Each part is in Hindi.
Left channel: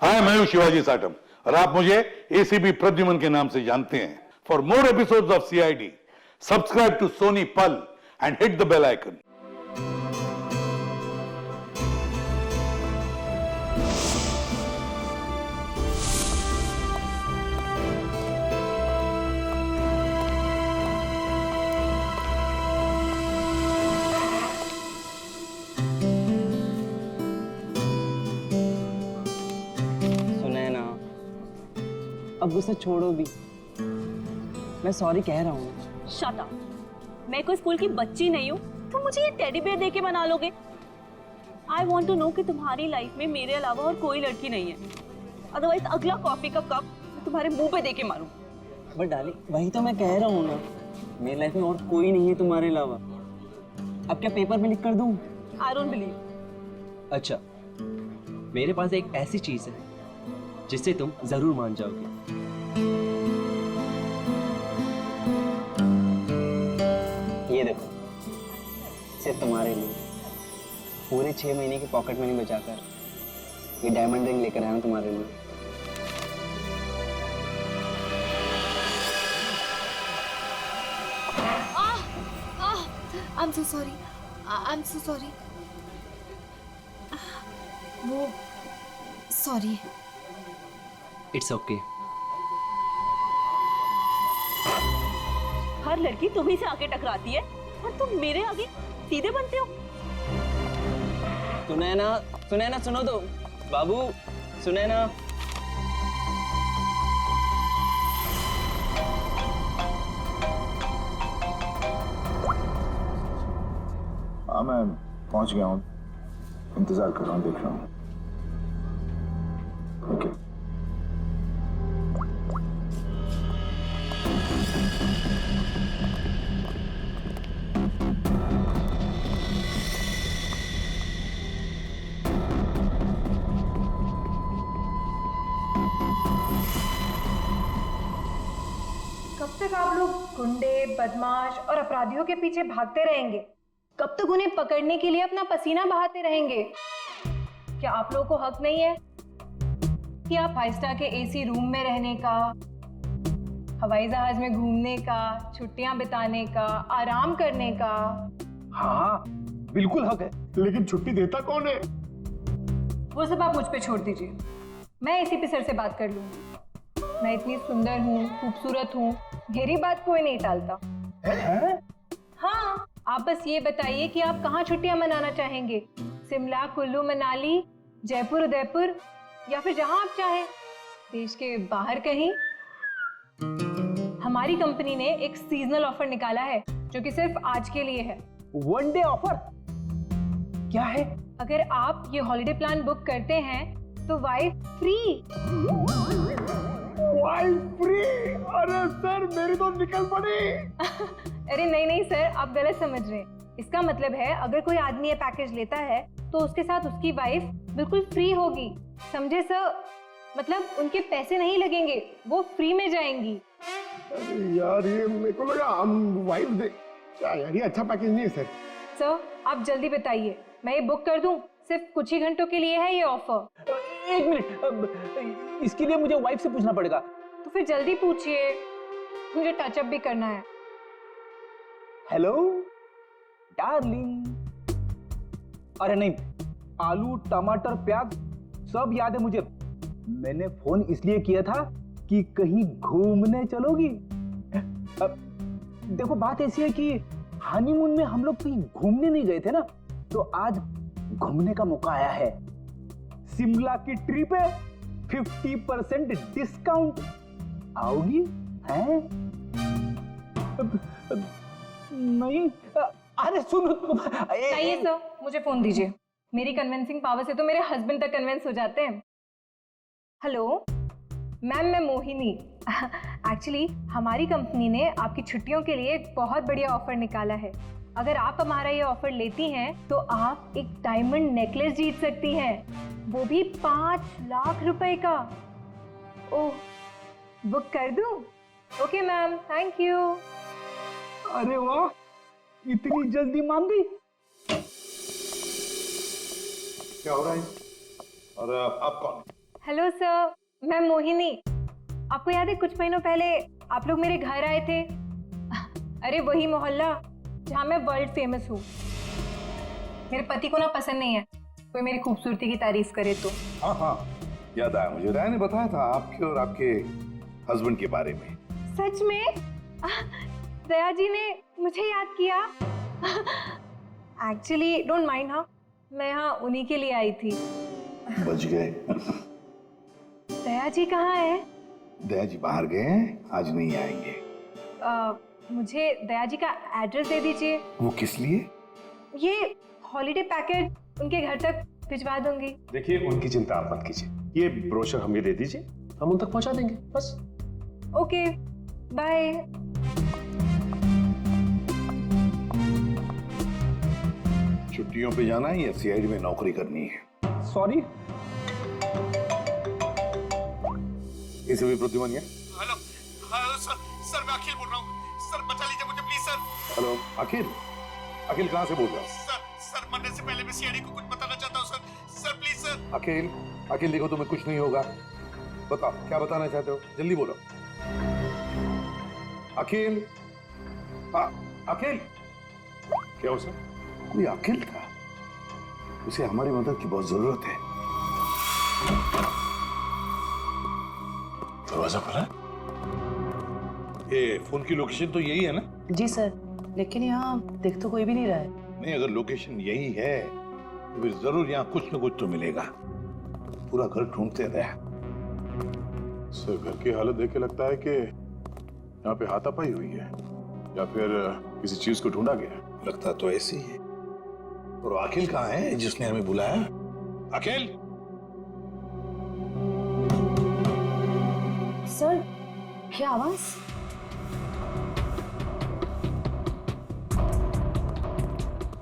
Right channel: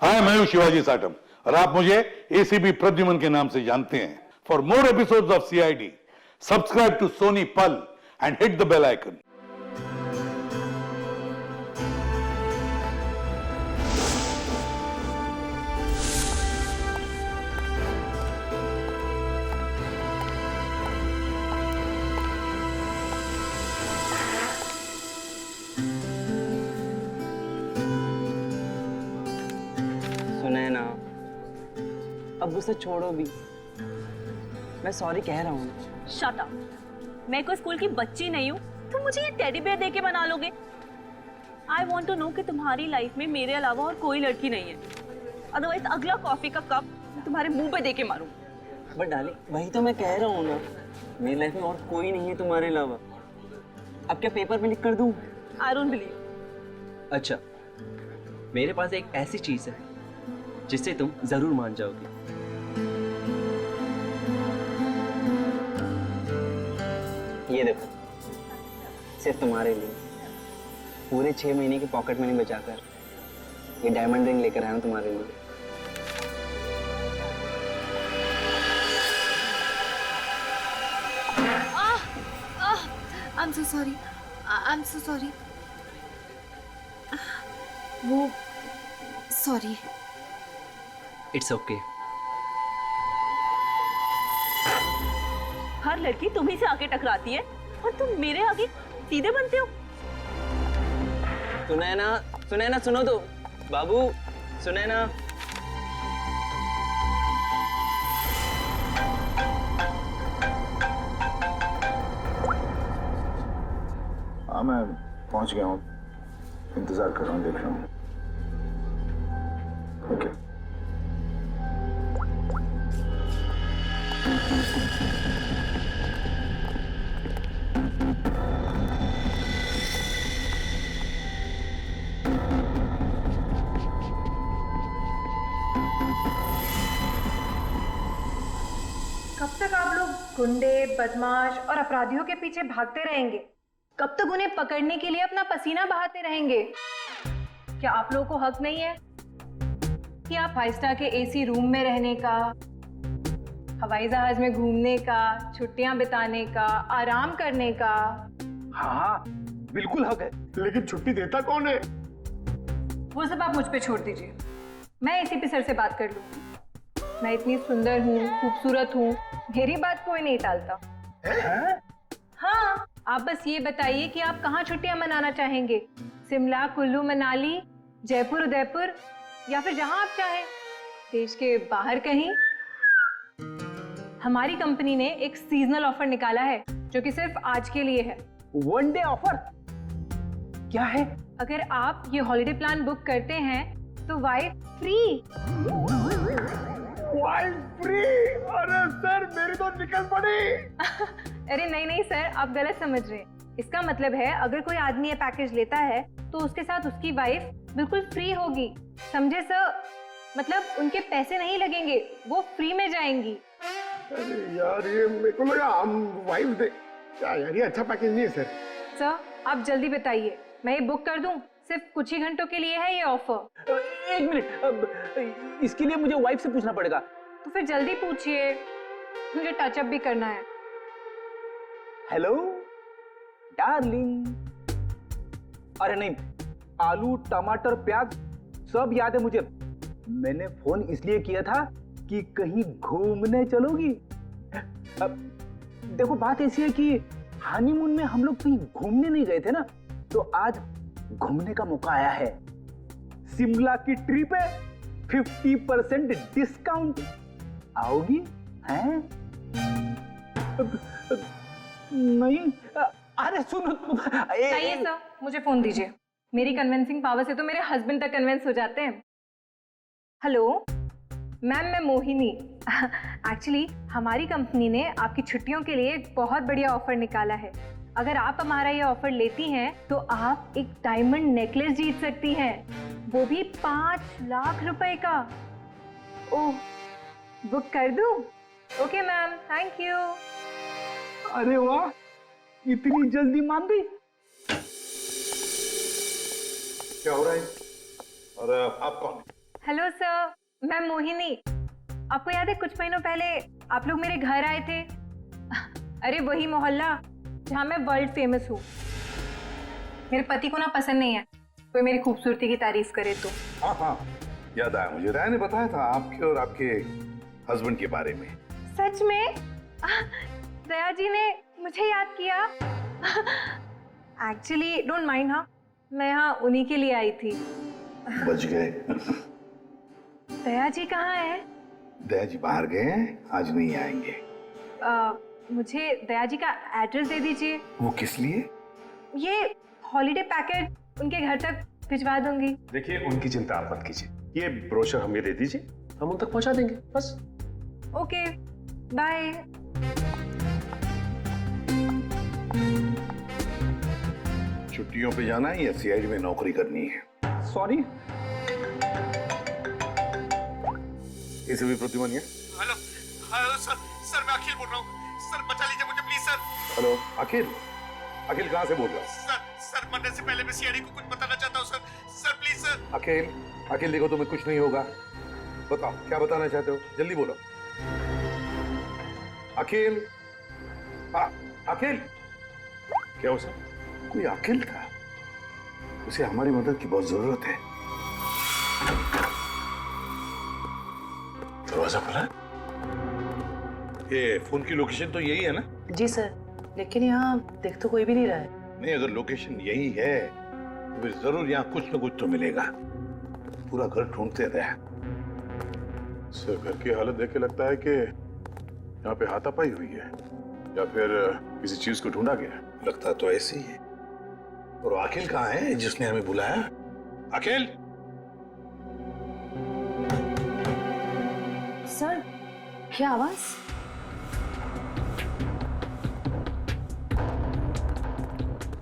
हाय, मैं हूं शिवाजी साटम और आप मुझे एसीपी प्रद्युमन के नाम से जानते हैं। For more episodes of CID, subscribe to Sony Pal and hit the bell icon. Sunaina, अब गुस्सा छोड़ो भी। मैं सॉरी कह रहा हूँ। Shut up. मैं कोई स्कूल की बच्ची नहीं हूँ, तुम मुझे ये टेडी बेयर देके मना लोगे? आई वॉन्ट टू नो कि तुम्हारी लाइफ में मेरे अलावा और कोई लड़की नहीं है। अदरवाइज अगला कॉफी का कप मैं तुम्हारे मुंह पे देके मारूं। बट डाली, वही तो मैं कह रहा हूँ ना, मेरी लाइफ में और कोई नहीं है तुम्हारे अलावा। अब क्या पेपर में लिख कर दूँ? I don't believe. अच्छा, मेरे पास एक ऐसी चीज है जिससे तुम जरूर मान जाओगी। ये देखो, सिर्फ तुम्हारे लिए पूरे 6 महीने की पॉकेट मनी बचाकर ये डायमंड रिंग लेकर आया हूं तुम्हारे लिए। I'm so sorry. I'm so sorry. वो सॉरी। It's okay. हर लड़की तुम्ही से आके टकराती है और तुम मेरे आगे सीधे बनते हो। सुनैना, सुनैना सुनो तो। बाबू, सुनैना। हाँ, मैं पहुंच गया हूँ। इंतजार कर रहा हूँ, देख रहा हूँ। ओके। कब तक आप लोग गुंडे, बदमाश और अपराधियों के पीछे भागते रहेंगे? कब तक उन्हें पकड़ने के लिए अपना पसीना बहाते रहेंगे? क्या आप लोगों को हक नहीं है कि आप 5 स्टार के एसी रूम में रहने का, हवाई जहाज में घूमने का, छुट्टियां बिताने का, आराम करने का? हाँ, बिल्कुल हक है, लेकिन छुट्टी देता कौन है? वो सब आप मुझ पे छोड़ दीजिए, मैं एसीपी सर से बात कर लूंगी। मैं इतनी सुंदर हूँ, खूबसूरत हूँ, मेरी बात कोई नहीं टालता। हाँ, आप बस ये बताइए कि आप कहाँ छुट्टियां मनाना चाहेंगे? शिमला, कुल्लू, मनाली, जयपुर, उदयपुर, या फिर जहां आप चाहें, देश के बाहर कहीं। हमारी कंपनी ने एक सीजनल ऑफर निकाला है जो कि सिर्फ आज के लिए है। वन डे ऑफर क्या है? अगर आप ये हॉलिडे प्लान बुक करते हैं तो वाइफ फ्री। Wife free? अरे सर, मेरी तो निकल पड़ी। अरे नहीं नहीं सर, आप गलत समझ रहे हैं। इसका मतलब है अगर कोई आदमी ये पैकेज लेता है तो उसके साथ उसकी वाइफ बिल्कुल फ्री होगी। समझे सर? मतलब उनके पैसे नहीं लगेंगे, वो फ्री में जाएंगी। अरे यार, ये मेरे को लगा हम वाइफ दे। क्या यार, ये अच्छा पैकेज नहीं है सर। सर आप जल्दी बताइए, मैं ये बुक कर दूं? सिर्फ कुछ ही घंटों के लिए है ये ऑफर। एक मिनट, अब इसके लिए मुझे वाइफ से पूछना पड़ेगा। तो फिर जल्दी पूछिए, मुझे टचअप भी करना है। Hello darling. अरे नहीं, आलू, टमाटर, प्याज सब याद है मुझे। मैंने फोन इसलिए किया था कि कहीं घूमने चलोगी। अब देखो, बात ऐसी है कि हनीमून में हम लोग कहीं घूमने नहीं गए थे ना, तो आज घूमने का मौका आया है। शिमला की ट्रिप है, 50% डिस्काउंट। आओगी? हैं? नहीं, अरे सुनो। चाहिए सर, मुझे फोन दीजिए। मेरी कन्विंसिंग पावर से तो मेरे हस्बैंड तक कन्विंस हो जाते हैं। हेलो मैम, मैं मोहिनी। एक्चुअली हमारी कंपनी ने आपकी छुट्टियों के लिए एक बहुत बढ़िया ऑफर निकाला है। अगर आप हमारा ये ऑफर लेती हैं तो आप एक डायमंड नेकलेस जीत सकती हैं, वो भी 5 लाख रुपए का। ओह, बुक कर दूं? Okay ma'am, thank you. अरे वाह, इतनी जल्दी मान गई। क्या हो रहा है? और आप कौन? हेलो सर, मैं मोहिनी। आपको याद है कुछ महीनों पहले आप लोग मेरे घर आए थे? अरे वही मोहल्ला जहाँ मैं वर्ल्ड फेमस हूँ। मेरे पति को ना पसंद नहीं है कोई मेरी खूबसूरती की तारीफ करे तो। हाँ हाँ, याद आया मुझे। राय ने बताया था आपके और आपके हस्बैंड के बारे में। सच में? दया जी ने मुझे याद किया। एक्चुअली डोंट माइंड, हाँ मैं यहाँ उन्हीं के लिए आई थी। बच गए। दया जी कहाँ है? दया जी बाहर गए हैं, आज नहीं आएंगे। मुझे दया जी का एड्रेस दे दीजिए। वो किस लिए? ये हॉलीडे पैकेट उनके घर तक भिजवा दूंगी। देखिए, उनकी चिंता आप मत कीजिए, ये ब्रोशर हमें दे दीजिए, हम उन तक पहुंचा देंगे बस। Okay, bye. छुट्टियों पे जाना है या सीआईडी में नौकरी करनी है? सॉरी। एसीपी प्रद्युमन है? हेलो हेलो सर, सर मैं अखिल बोल रहा हूँ सर, बचा लीजिए मुझे प्लीज सर। हेलो अखिल, अखिल कहाँ से बोल रहा हूँ? सर मरने से पहले मैं सीआईडी को कुछ बताना चाहता हूँ सर, सर प्लीज सर। अखिल, अखिल देखो तुम्हें कुछ नहीं होगा, बताओ क्या बताना चाहते हो, जल्दी बोलो। अखिल, अखिल। क्या हो सर? कोई अखिल था, उसे हमारी मदद की बहुत जरूरत है। दरवाजा खुला है? ये फोन की लोकेशन तो यही है ना? जी सर, लेकिन यहाँ देख तो कोई भी नहीं रहा है। नहीं, अगर लोकेशन यही है तो फिर जरूर यहाँ कुछ न कुछ तो मिलेगा। पूरा घर ढूंढते रहे। सर घर की हालत देख के लगता है कि यहाँ पे हाथापाई हुई है या फिर किसी चीज को ढूंढा गया है। लगता तो ऐसे ही है। और अखिल कहाँ है जिसने हमें बुलाया? अखिल! सर, क्या आवाज?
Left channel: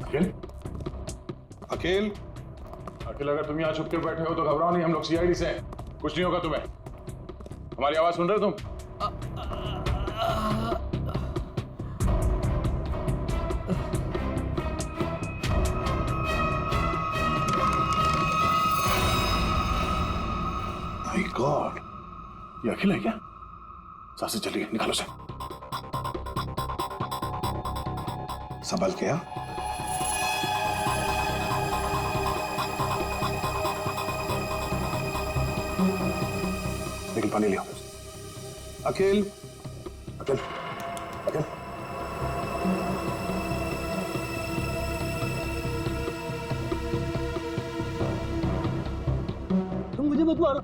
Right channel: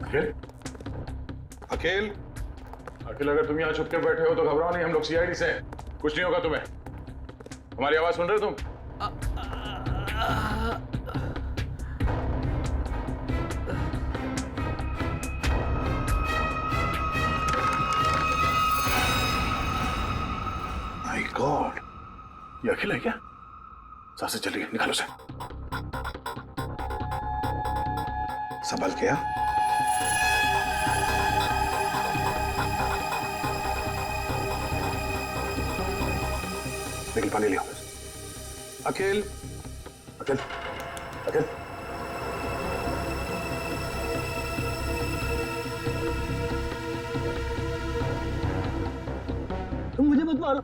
अखिल? अखिल! अखिल, अगर तुम यहाँ छुप के बैठे हो तो घबराओ नहीं, हम लोग सीआईडी से हैं, कुछ नहीं होगा तुम्हें। हमारी आवाज सुन रहे हो तुम? माय गॉड, ये अखिल है क्या? सांसें चली गई, निकालो से। संभल के। निकल, पानी लिया। अखिल, अखिल, अखिल। मुझे मत मारो,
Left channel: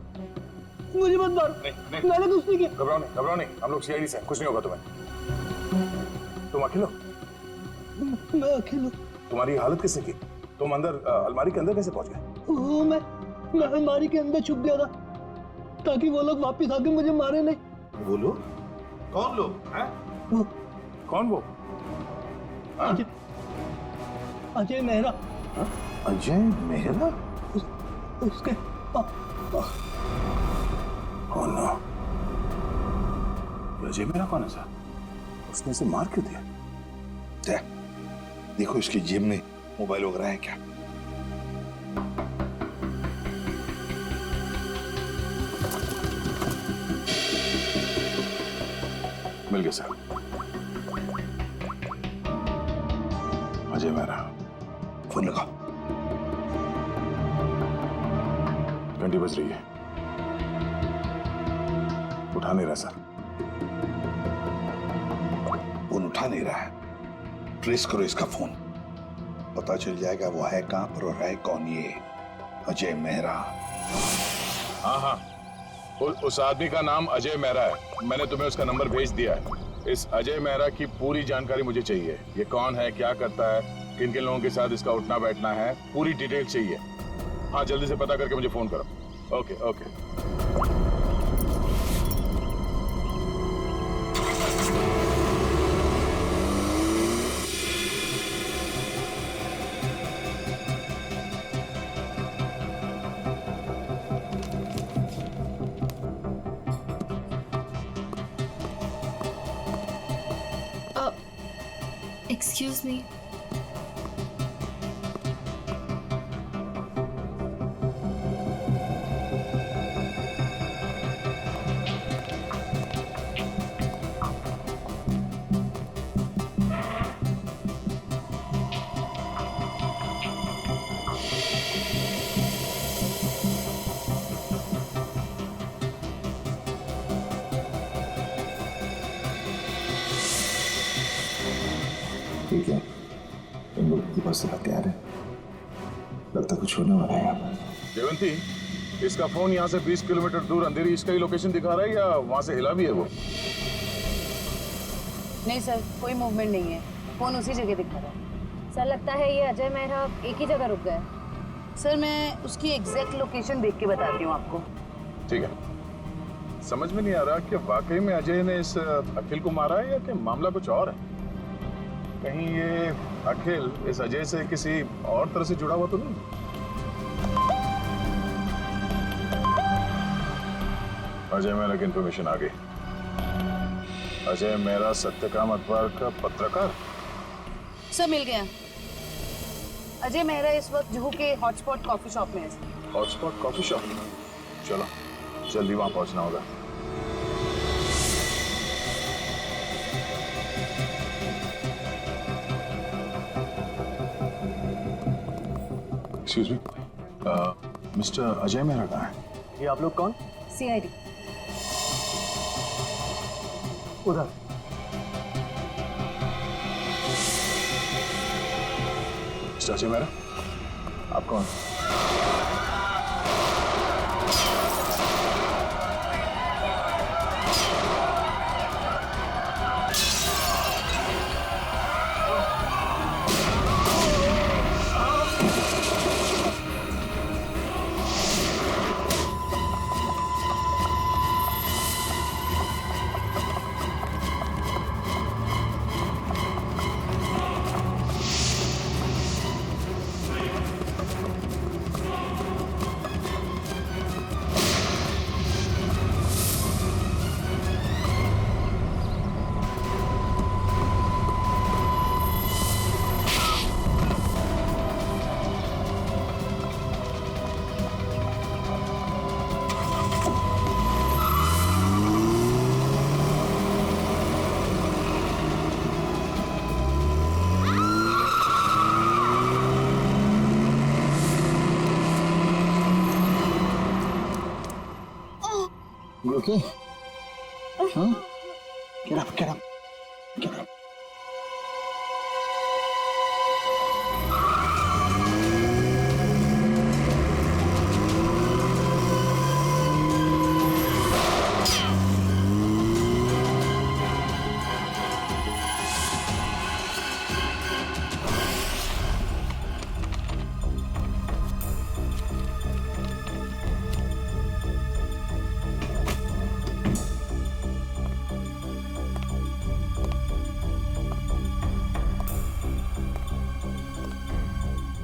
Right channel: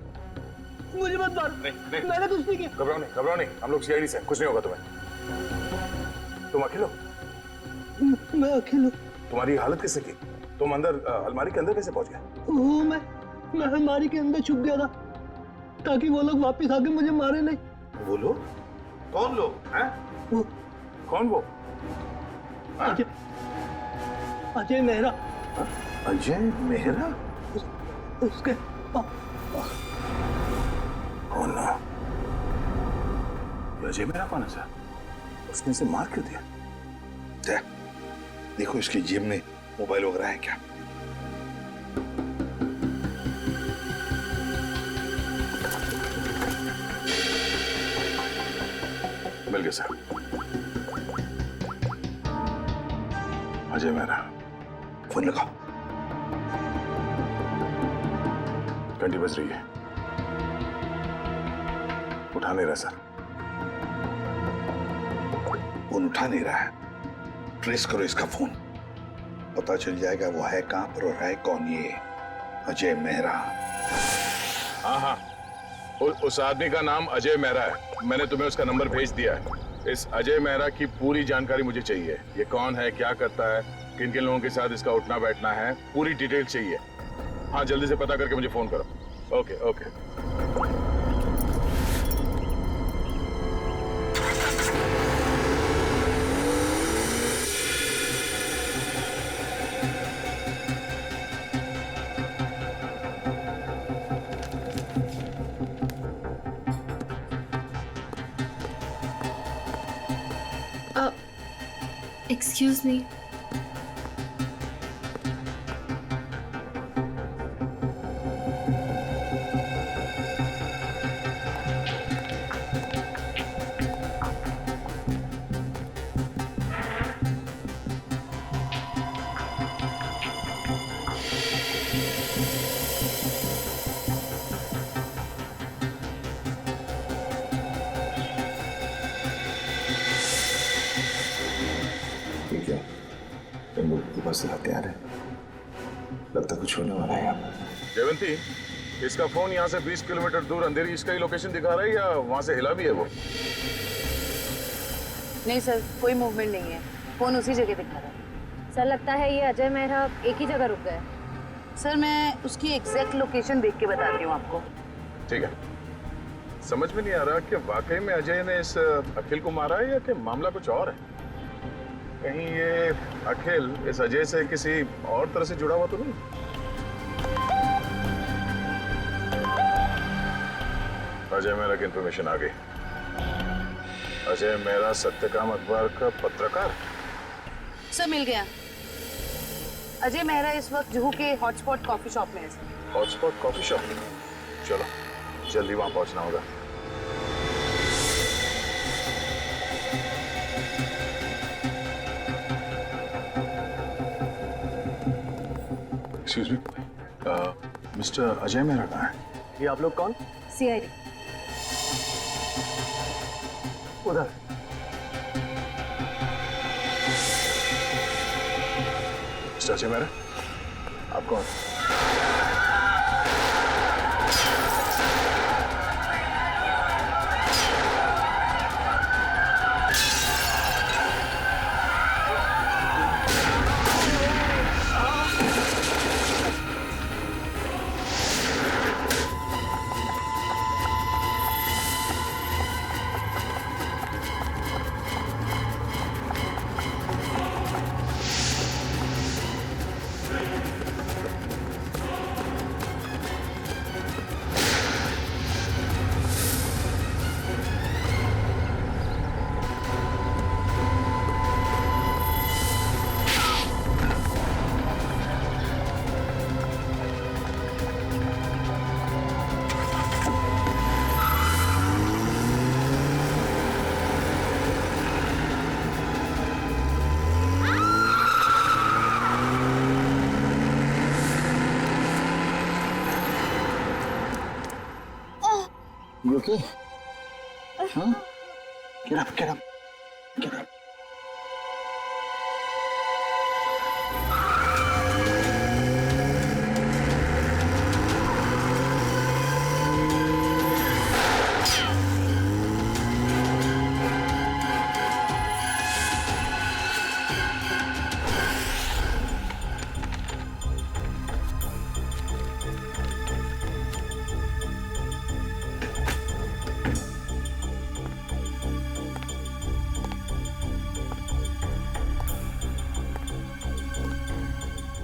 मुझे मत मारो। नहीं, मैंने कुछ नहीं किया। घबराओ नहीं, हम लोग सीआईडी से हैं, कुछ नहीं होगा तुम्हें। तुम अखिल हो? मैं अकेला। तुम्हारी हालत किसने की? तुम अंदर अलमारी के अंदर कैसे पहुंच गए? वो मैं अलमारी के अंदर छुप गया था ताकि वो लोग वापस आके मुझे मारे नहीं। वो लोग? कौन लोग हैं? कौन वो? अजय, अजय मेहरा। अजय मेहरा? उसके Oh no. ये अजय मेरा कौन है सर? उसने इसे मार क्यों दिया? देखो इसकी जेब में मोबाइल वगैरह है क्या? मिल गया सर। अजय मेरा। फोन लगाओ। घंटी बज रही है, उठा नहीं रहा सर। फोन उठा नहीं रहा है, ट्रेस करो इसका फोन, पता चल जाएगा वो है कहां पर और है कौन ये अजय मेहरा। हाँ, उस आदमी का नाम अजय मेहरा है, मैंने तुम्हें उसका नंबर भेज दिया है। इस अजय मेहरा की पूरी जानकारी मुझे चाहिए। ये कौन है, क्या करता है, किन किन लोगों के साथ इसका उठना बैठना है, पूरी डिटेल चाहिए। हाँ, जल्दी से पता करके मुझे फोन करो। Okay okay. Excuse me. लोगों के पास हथियार है। लगता कुछ होने वाला है यहाँ पर। जयवंती, इसका फोन यहाँ से 20 किलोमीटर दूर अंधेरी इसका ही लोकेशन दिखा रहा है या वहां से हिला भी है वो? नहीं सर, कोई मूवमेंट नहीं है। फोन उसी जगह दिखा रहा है। सर लगता है ये अजय मेहरा एक ही जगह रुक गए। सर मैं उसकी एग्जैक्ट लोकेशन देख के बताती हूँ आपको। ठीक है। समझ में नहीं आ रहा कि वाकई में अजय ने इस अखिल को मारा है या कि मामला कुछ और है। कहीं ये अखिल इस अजय से किसी और तरह से जुड़ा हुआ तो नहीं? अजय मेहरा की इंफॉर्मेशन आ गई। अजय मेहरा सत्यकाम अखबार का पत्रकार। सर मिल गया। अजय मेहरा इस वक्त जुहू के हॉटस्पॉट कॉफी शॉप में है। हॉटस्पॉट कॉफी शॉप, चलो जल्दी वहां पहुंचना होगा। Excuse me, mister Ajay Mehra कहाँ है? ये आप लोग कौन? सीआईडी। उधर। मिस्टर अजय मेहरा, आप कौन? You okay? Huh? Get up, get up, get up.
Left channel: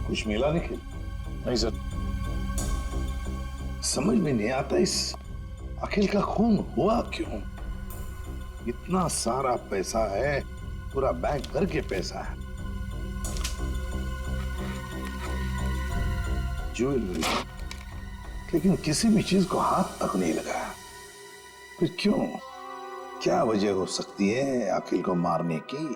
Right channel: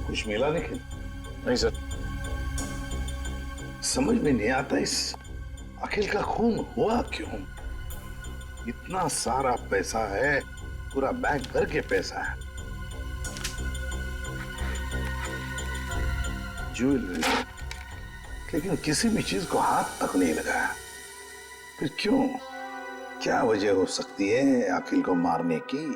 कुछ मिला निखिल? नहीं सर। समझ में नहीं आता इस अखिल का खून हुआ क्यों? इतना सारा पैसा है, पूरा बैंक भर के पैसा है, ज्वेलरी, लेकिन किसी भी चीज को हाथ तक नहीं लगाया। फिर क्यों? क्या वजह हो सकती है अखिल को मारने की?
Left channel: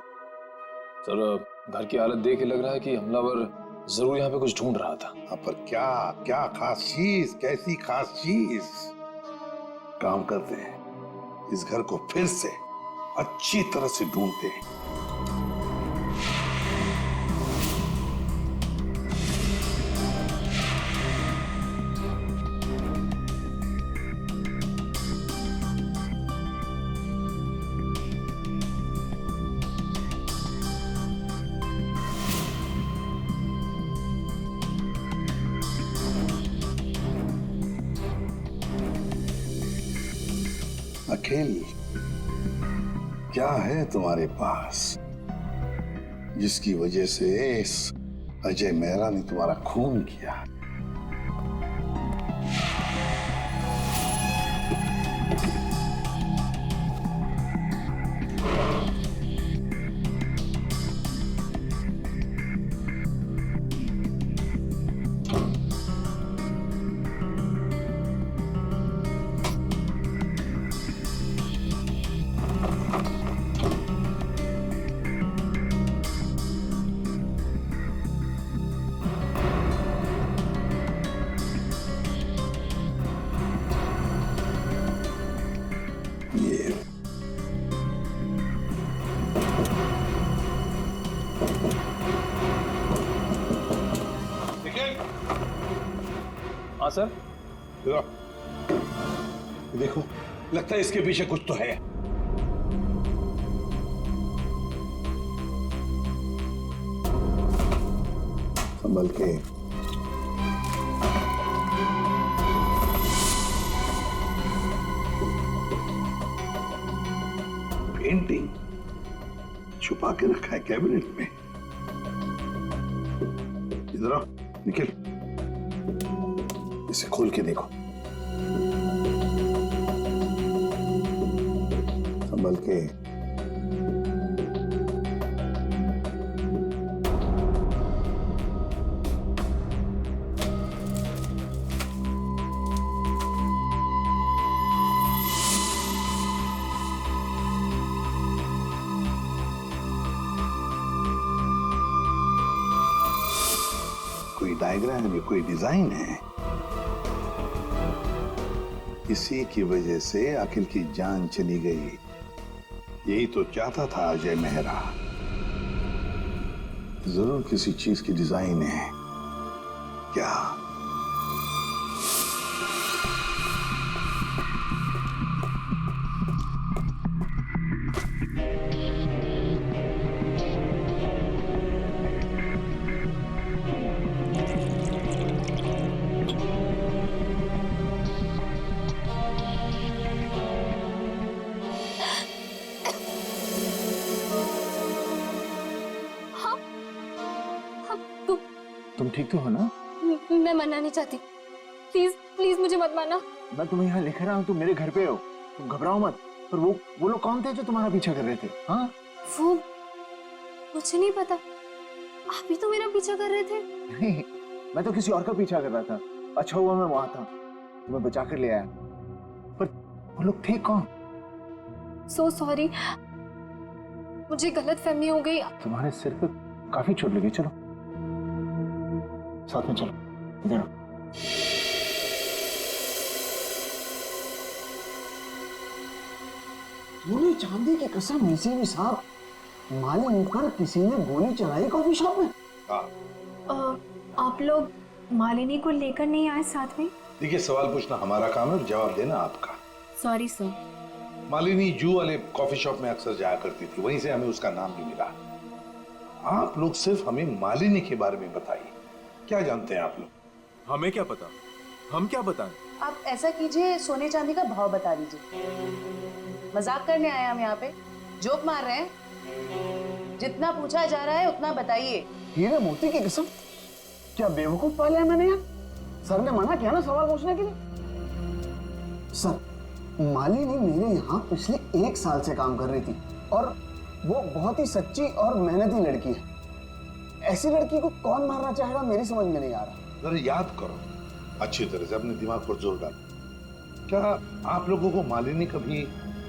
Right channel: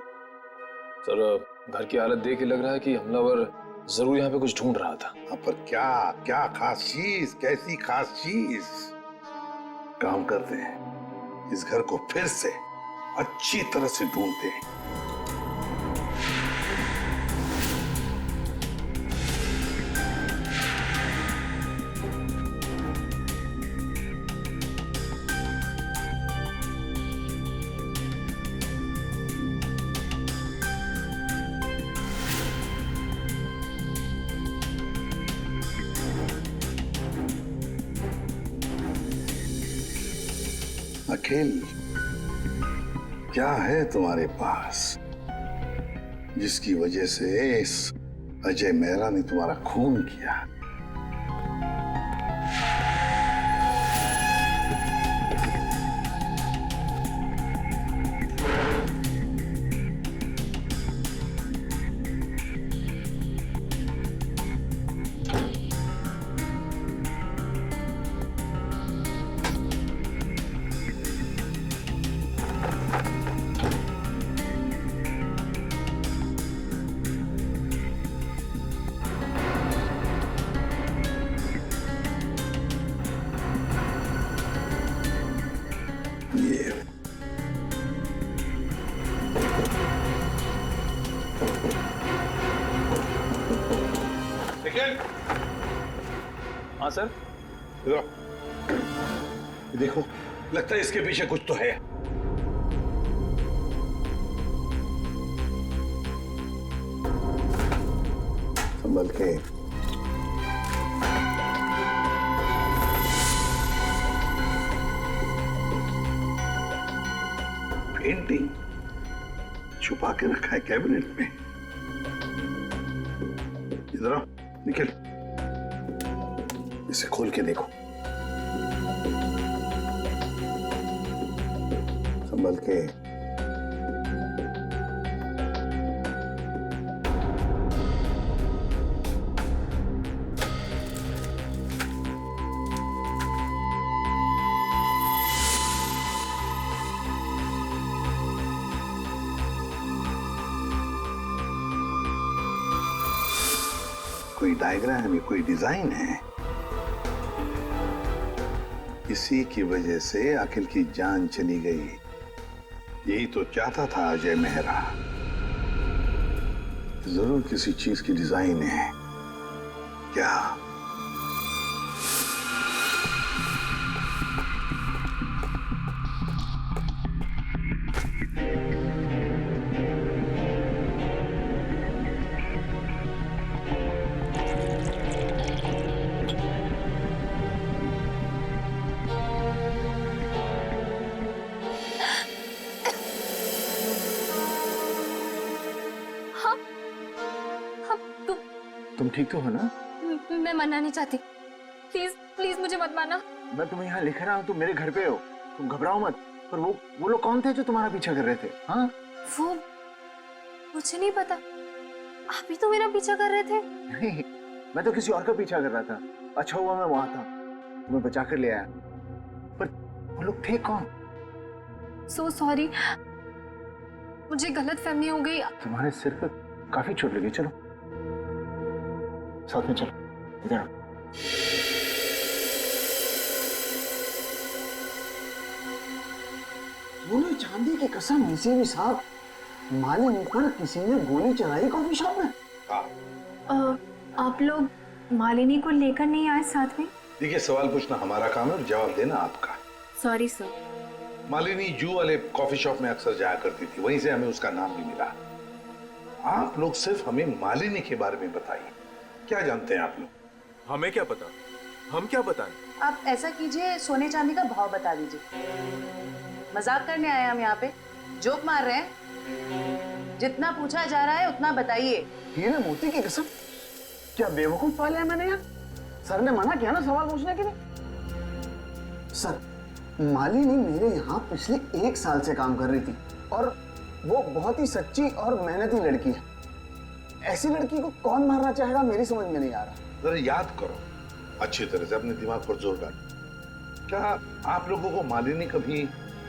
सर घर की हालत देख के लग रहा है कि हमलावर जरूर यहाँ पे कुछ ढूंढ रहा था। पर क्या क्या खास चीज, कैसी खास चीज? काम करते हैं, इस घर को फिर से अच्छी तरह से ढूंढते हैं। अखिल, क्या है तुम्हारे पास जिसकी वजह से इस अजय मेहरा ने तुम्हारा खून किया? निखिल, हाँ सर। इधर आओ। ये देखो, लगता है इसके पीछे कुछ तो है। संभल के। पेंटिंग छुपा के रखा है कैबिनेट में। इधर आओ निखिल, इसे खोल के देखो। संभल के। कोई डायग्राम है, कोई डिजाइन है। इसी की वजह से अखिल की जान चली गई। यही तो चाहता था अजय मेहरा। जरूर किसी चीज की डिजाइन है। क्या? तुम ठीक तो हो ना? मैं मरना नहीं चाहती, प्लीज प्लीज मुझे मत मारना। मैं तुम्हें यहाँ लिख रहा हूँ, तुम मेरे घर पे हो, तुम घबराओ मत। पर वो लोग कौन थे जो तुम्हारा पीछा कर रहे थे? हाँ, वो मुझे नहीं पता, आप ही तो मेरा पीछा कर रहे थे। नहीं, मैं तो किसी और का पीछा कर रहा था। अच्छा हुआ मैं वहां था, तुम्हें बचा कर ले आया। पर वो लोग थे कौन? सो सॉरी, मुझे गलत फहमी हो गई। तुम्हारे सिर पे काफी चोट लगी। चलो साथ में चलो, इधर आओ। सोने चांदी की कसम, इसी भी साहब, मालिनी पर किसी ने गोली चलाई कॉफी शॉप में। आप लोग मालिनी को लेकर नहीं आए साथ में? देखिए, सवाल पूछना हमारा काम है और जवाब देना आपका। Sorry sir. मालिनी जू वाले कॉफी शॉप में अक्सर जाया करती थी, वहीं से हमें उसका नाम भी मिला। आप लोग सिर्फ हमें मालिनी के बारे में बताइए, क्या जानते हैं आप लोग? हमें क्या पता, हम क्या बताएं? आप ऐसा कीजिए, सोने चांदी का भाव बता दीजिए। मजाक करने आए हम यहाँ पे, जोक मार रहे हैं? जितना पूछा जा रहा है उतना बताइए। हीरे मोती की कसम, क्या बेवकूफ पाले हैं मैंने यार। सर ने मना किया ना सवाल पूछने के लिए। सर, मालिनी मेरे यहाँ पिछले 1 साल से काम कर रही थी और वो बहुत ही सच्ची और मेहनती लड़की है। ऐसी लड़की को कौन मारना चाहेगा, मेरी समझ में नहीं आ रहा। जरा याद करो अच्छी तरह से, अपने दिमाग पर जोर डालो। क्या आप लोगों को मालिनी कभी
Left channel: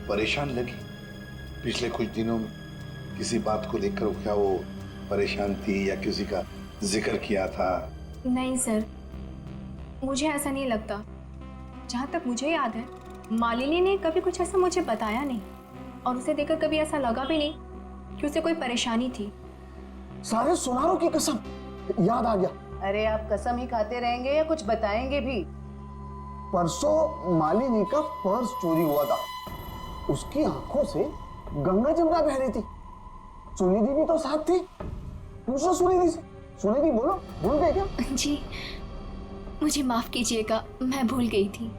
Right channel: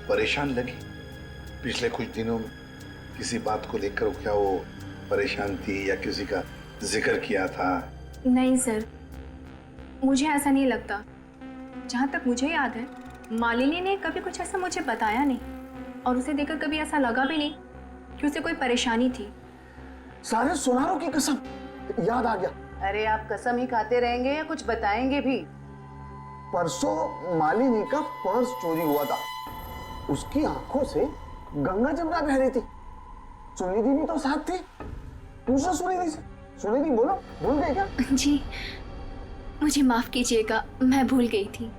परेशान लगी पिछले कुछ दिनों में? किसी बात को लेकर क्या वो परेशान थी या किसी का जिक्र किया था? नहीं सर, मुझे ऐसा नहीं लगता। जहाँ तक मुझे याद है, मालिनी ने कभी कुछ ऐसा मुझे बताया नहीं और उसे देखकर कभी ऐसा लगा भी नहीं कि उसे कोई परेशानी थी। सारे सुनारों की कसम, याद आ गया। अरे आप कसम ही खाते रहेंगे या कुछ बताएंगे भी? परसों मालिनी का पर्स चोरी हुआ था। उसकी आंखों से गंगा जमुना बह रही थी। सुनिधि भी तो साथ थी। पूछो सुनिधि से। सुनिधि बोलो, भूल गए क्या? जी मुझे माफ कीजिएगा, मैं भूल गई थी।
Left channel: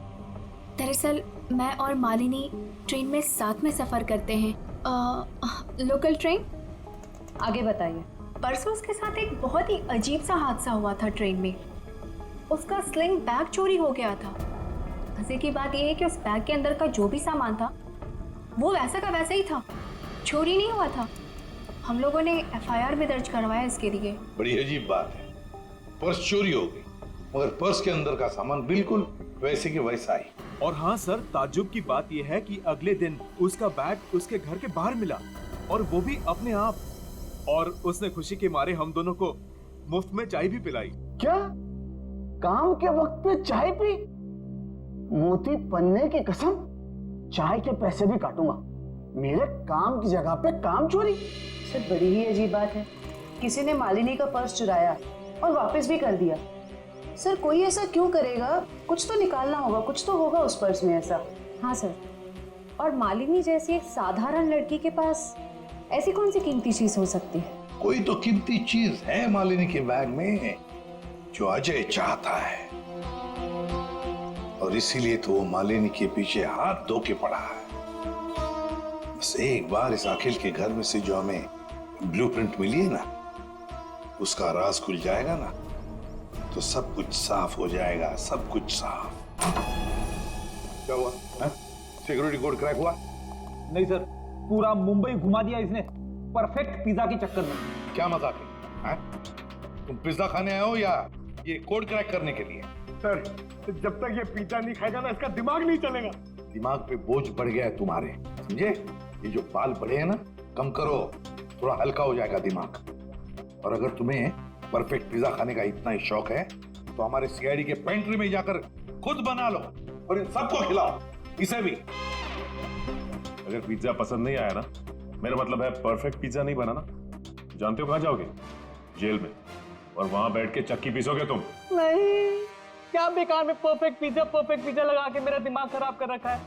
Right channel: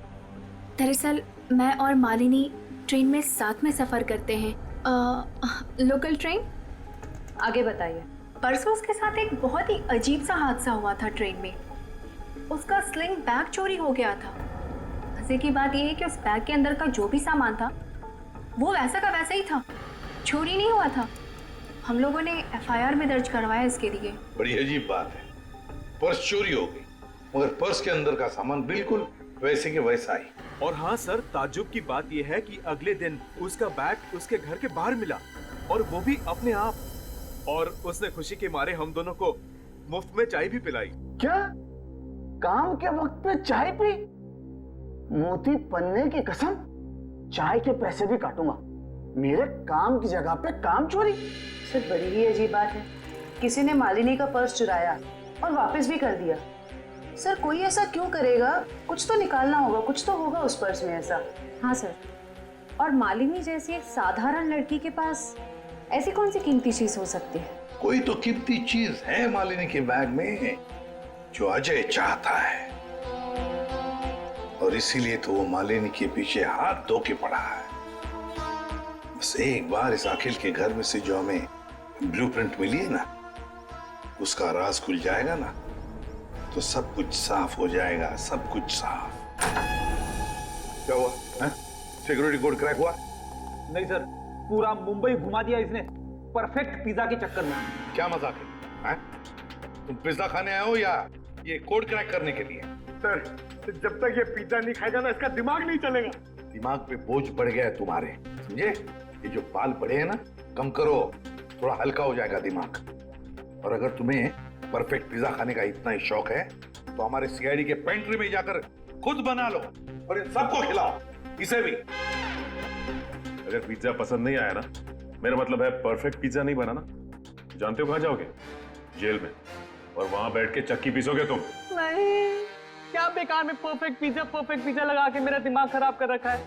दरअसल मैं और मालिनी ट्रेन में साथ में सफर करते हैं, लोकल ट्रेन। आगे बताइए। परसों उसके साथ एक बहुत ही अजीब सा हादसा हुआ था ट्रेन में। उसका स्लिंग बैग चोरी हो गया था। मजे की बात यह है कि उस बैग के अंदर का जो भी सामान था वो वैसा का वैसा ही था, चोरी नहीं हुआ था। हम लोगों ने FIR भी दर्ज करवाया इसके लिए। बड़ी अजीब बात है, पर्स चोरी हो गई मगर पर्स के अंदर का सामान बिल्कुल वैसे के वैसा ही। और हाँ सर, ताज्जुब की बात यह है कि अगले दिन उसका बैग उसके घर के बाहर मिला और वो भी अपने आप। और उसने खुशी के मारे हम दोनों को मुफ्त में चाय भी पिलाई। क्या? काम के वक्त पे चाय पी? मोती पन्ने की कसम, चाय के पैसे भी काटूंगा। मेरे काम की जगह पे काम चोरी? सर बड़ी ही अजीब बात है। किसी ने मालिनी का पर्स चुराया और वापस भी कर दिया। सर कोई ऐसा क्यों करेगा? कुछ तो निकालना होगा, कुछ तो होगा उस पर्स में ऐसा। हाँ सर, और मालिनी जैसी एक साधारण लड़की के पास ऐसी कौन सी कीमती चीज हो सकती है? कोई तो कीमती चीज है मालिनी के बैग में जो अजय चाहता है, और इसीलिए तो वो मालिनी के पीछे हाथ धो के पड़ा है। बस एक बार इस अखिल के घर में से जो हमें ब्लूप्रिंट मिली है ना, उसका राज खुल जाएगा ना, तो सब कुछ साफ हो जाएगा, सब कुछ साफ। क्या हुआ? सिक्योरिटी कोड क्रैक हुआ? नहीं सर, पूरा मुंबई घुमा दिया इसने परफेक्ट पिज्जा के चक्कर में। क्या मजाक है? तुम पिज्जा खाने आए हो या ये कोड क्रैक करने के लिए? सर जब तक ये पिज्जा नहीं खाएगा ना, इसका दिमाग नहीं चलेगा। दिमाग पे बोझ बढ़ गया है तुम्हारे, समझे? ये जो बाल बढ़े हैं ना, कम करो, थोड़ा हल्का हो जाएगा दिमाग। और अगर तुम्हें परफेक्ट पिज्जा खाने का इतना ही शौक है तो हमारे सीआईडी के पेंट्री में जाकर खुद बना लो और इन सबको खिलाओ, इसे भी। अगर पिज्जा पसंद नहीं आया ना, मेरा मतलब है परफेक्ट पिज्जा नहीं बना ना, जानते हो कहां जाओगे? जेल में, और वहां बैठ के चक्की पीसोगे तुम। नहीं, क्या बेकार में परफेक्ट पिज्जा लगा के मेरा दिमाग खराब कर रखा है।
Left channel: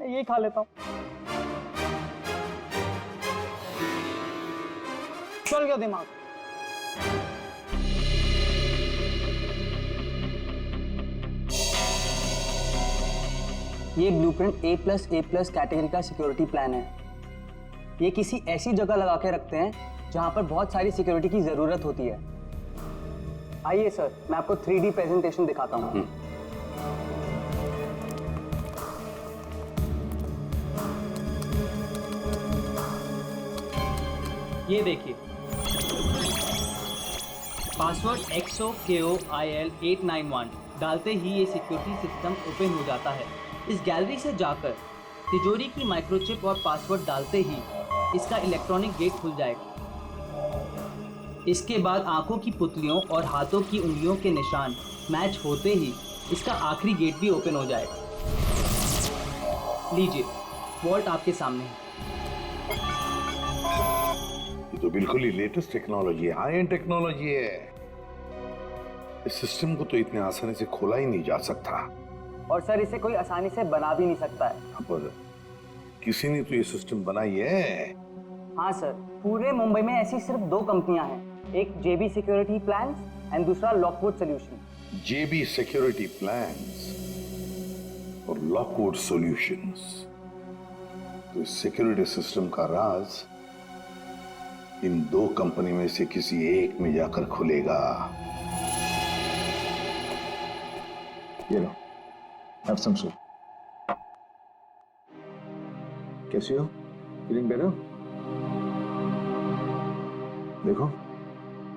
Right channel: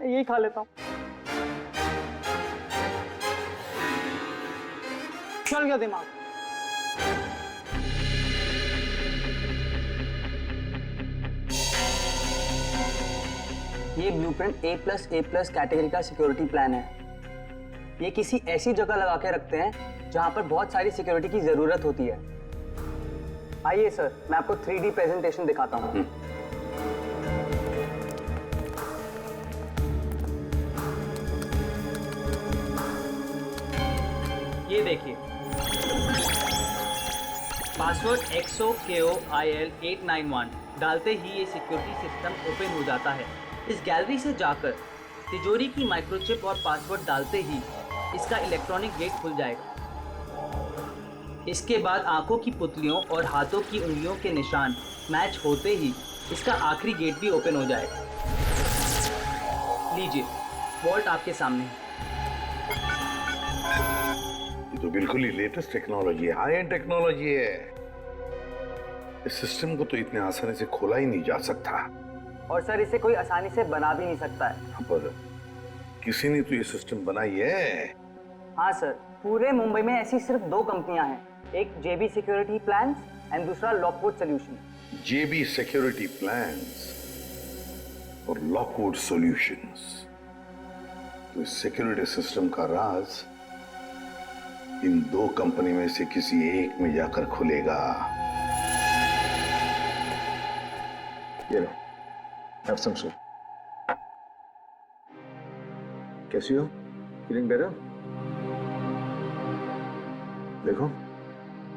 मैं यही खा लेता हूँ। चल गया दिमाग। ये ब्लूप्रिंट A+A+ कैटेगरी का सिक्योरिटी प्लान है। ये किसी ऐसी जगह लगा के रखते हैं जहां पर बहुत सारी सिक्योरिटी की जरूरत होती है। आइए सर, मैं आपको 3D प्रेजेंटेशन दिखाता हूं। ये देखिए, पासवर्ड XOKOIL891 डालते ही ये सिक्योरिटी सिस्टम ओपन हो जाता है। इस गैलरी से जाकर तिजोरी की माइक्रोचिप और पासवर्ड डालते ही इसका इलेक्ट्रॉनिक गेट खुल जाएगा। इसके बाद आंखों की पुतलियों और हाथों की उंगलियों के निशान मैच होते ही इसका आखिरी गेट भी ओपन हो जाएगा। लीजिए, वॉल्ट आपके सामने है। ये तो बिल्कुल ही लेटेस्ट टेक्नोलॉजी है, हाई एंड टेक्नोलॉजी है। इस सिस्टम को तो इतने आसानी से खोला ही नहीं जा सकता। और सर, इसे कोई आसानी से बना भी नहीं सकता है। पर किसी ने तो ये सिस्टम बनाई है। हाँ सर, पूरे मुंबई में ऐसी सिर्फ 2 कंपनियां हैं, एक JB सिक्योरिटी प्लान्स एंड दूसरा Lockwood solution. JB security plans और लॉकवुड सॉल्यूशंस। तो इस सिक्योरिटी सिस्टम का राज इन 2 कंपनी में से किसी एक में जाकर खुलेगा। ये लो, have some soup. कैसी हो? Feeling better? देखो,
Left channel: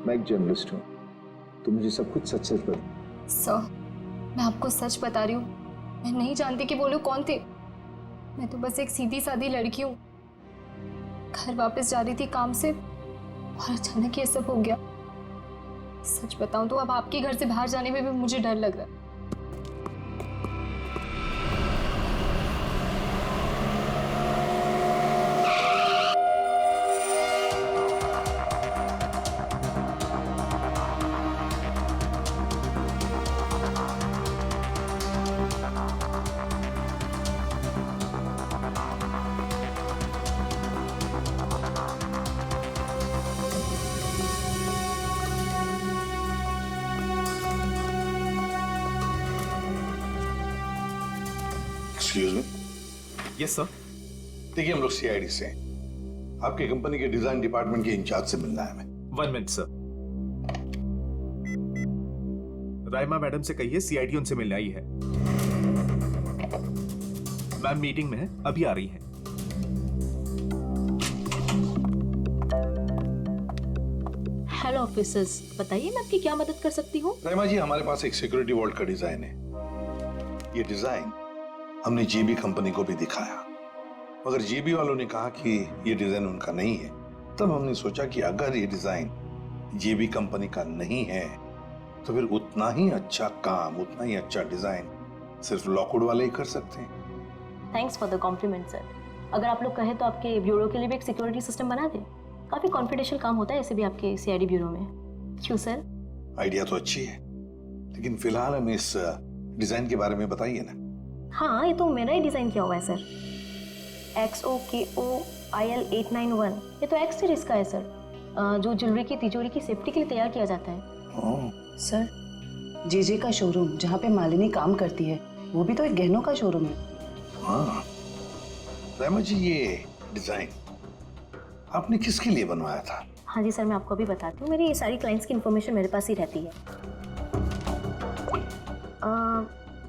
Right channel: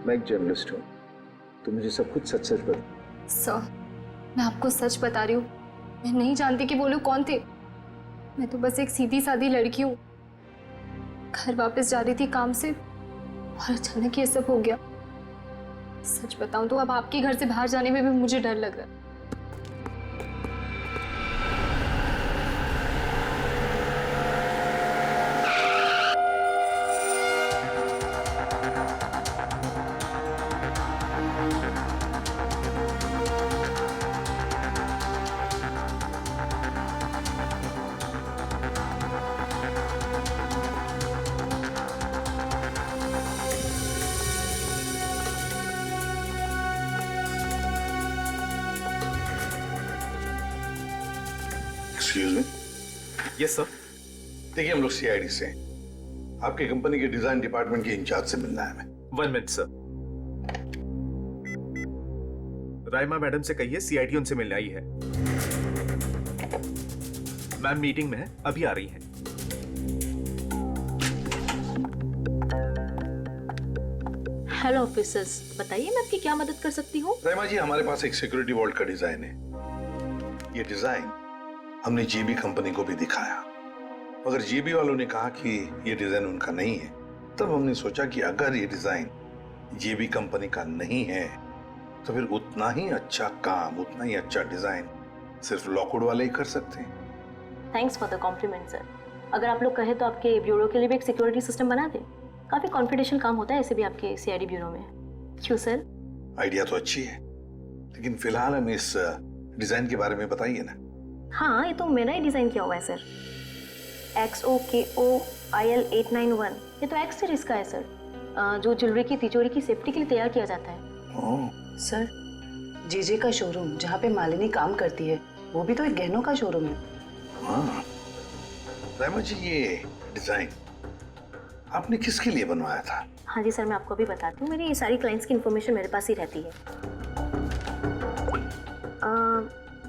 मैं एक जर्नलिस्ट हूँ, तो मुझे सब कुछ सच सच बता। सर, मैं आपको सच बता रही हूँ, मैं नहीं जानती कि वो लोग कौन थे। मैं तो बस एक सीधी सादी लड़की हूँ, घर वापस जा रही थी काम से और अचानक ये सब हो गया। सच बताऊं तो अब आपके घर से बाहर जाने में भी मुझे डर लग रहा है। Excuse me. Yes sir. देखिए, हम लोग CID से हैं। आपकी कंपनी के डिजाइन डिपार्टमेंट के इंचार्ज से मिलना है हमें। 1 मिनट सर। राइमा मैडम से कहिए CID उनसे मिलने आई है। मैम मीटिंग में है, अभी आ रही हैं। हेलो ऑफिसर्स, बताइए मैं आपकी क्या मदद कर सकती हूँ? राइमा जी, हमारे पास एक सिक्योरिटी वॉल्ट का डिजाइन है। ये डिजाइन हमने JB कंपनी को भी दिखाया, मगर JB वालों ने कहा कि ये डिजाइन उनका नहीं है। तब हमने सोचा कि अगर ये डिजाइन JB कंपनी का नहीं है तो फिर उतना ही अच्छा काम, उतना ही अच्छा डिजाइन सिर्फ लॉकवुड वाले ही कर सकते हैं। Thanks for the compliment sir. अगर आप लोग कहें तो आपके ब्यूरो के लिए भी एक सिक्योरिटी सिस्टम बना दें। काफी कॉन्फिडेंशियल काम होता है ऐसे भी आपके CID ब्यूरो में। क्यों सर? आइडिया तो अच्छी है, लेकिन फिलहाल हमें इस डिजाइन के बारे में बताइए ना। हाँ, ये तो मेरा ही डिज़ाइन किया हुआ है सर। XOKOIL891 ये तो एक्स सीरीज का है सर, जो ज्वेलरी की तिजोरी की सेफ्टी के लिए तैयार किया जाता है। सर, जेजे का शोरूम जहाँ पे मालिनी काम करती है वो भी तो एक गहनों का शोरूम है। हाँ रहमा जी, ये डिजाइन आपने किसके लिए बनवाया था? हाँ जी सर, मैं आपको अभी बताती हूँ। मेरी सारी क्लाइंट्स की इन्फॉर्मेशन मेरे पास ही रहती है।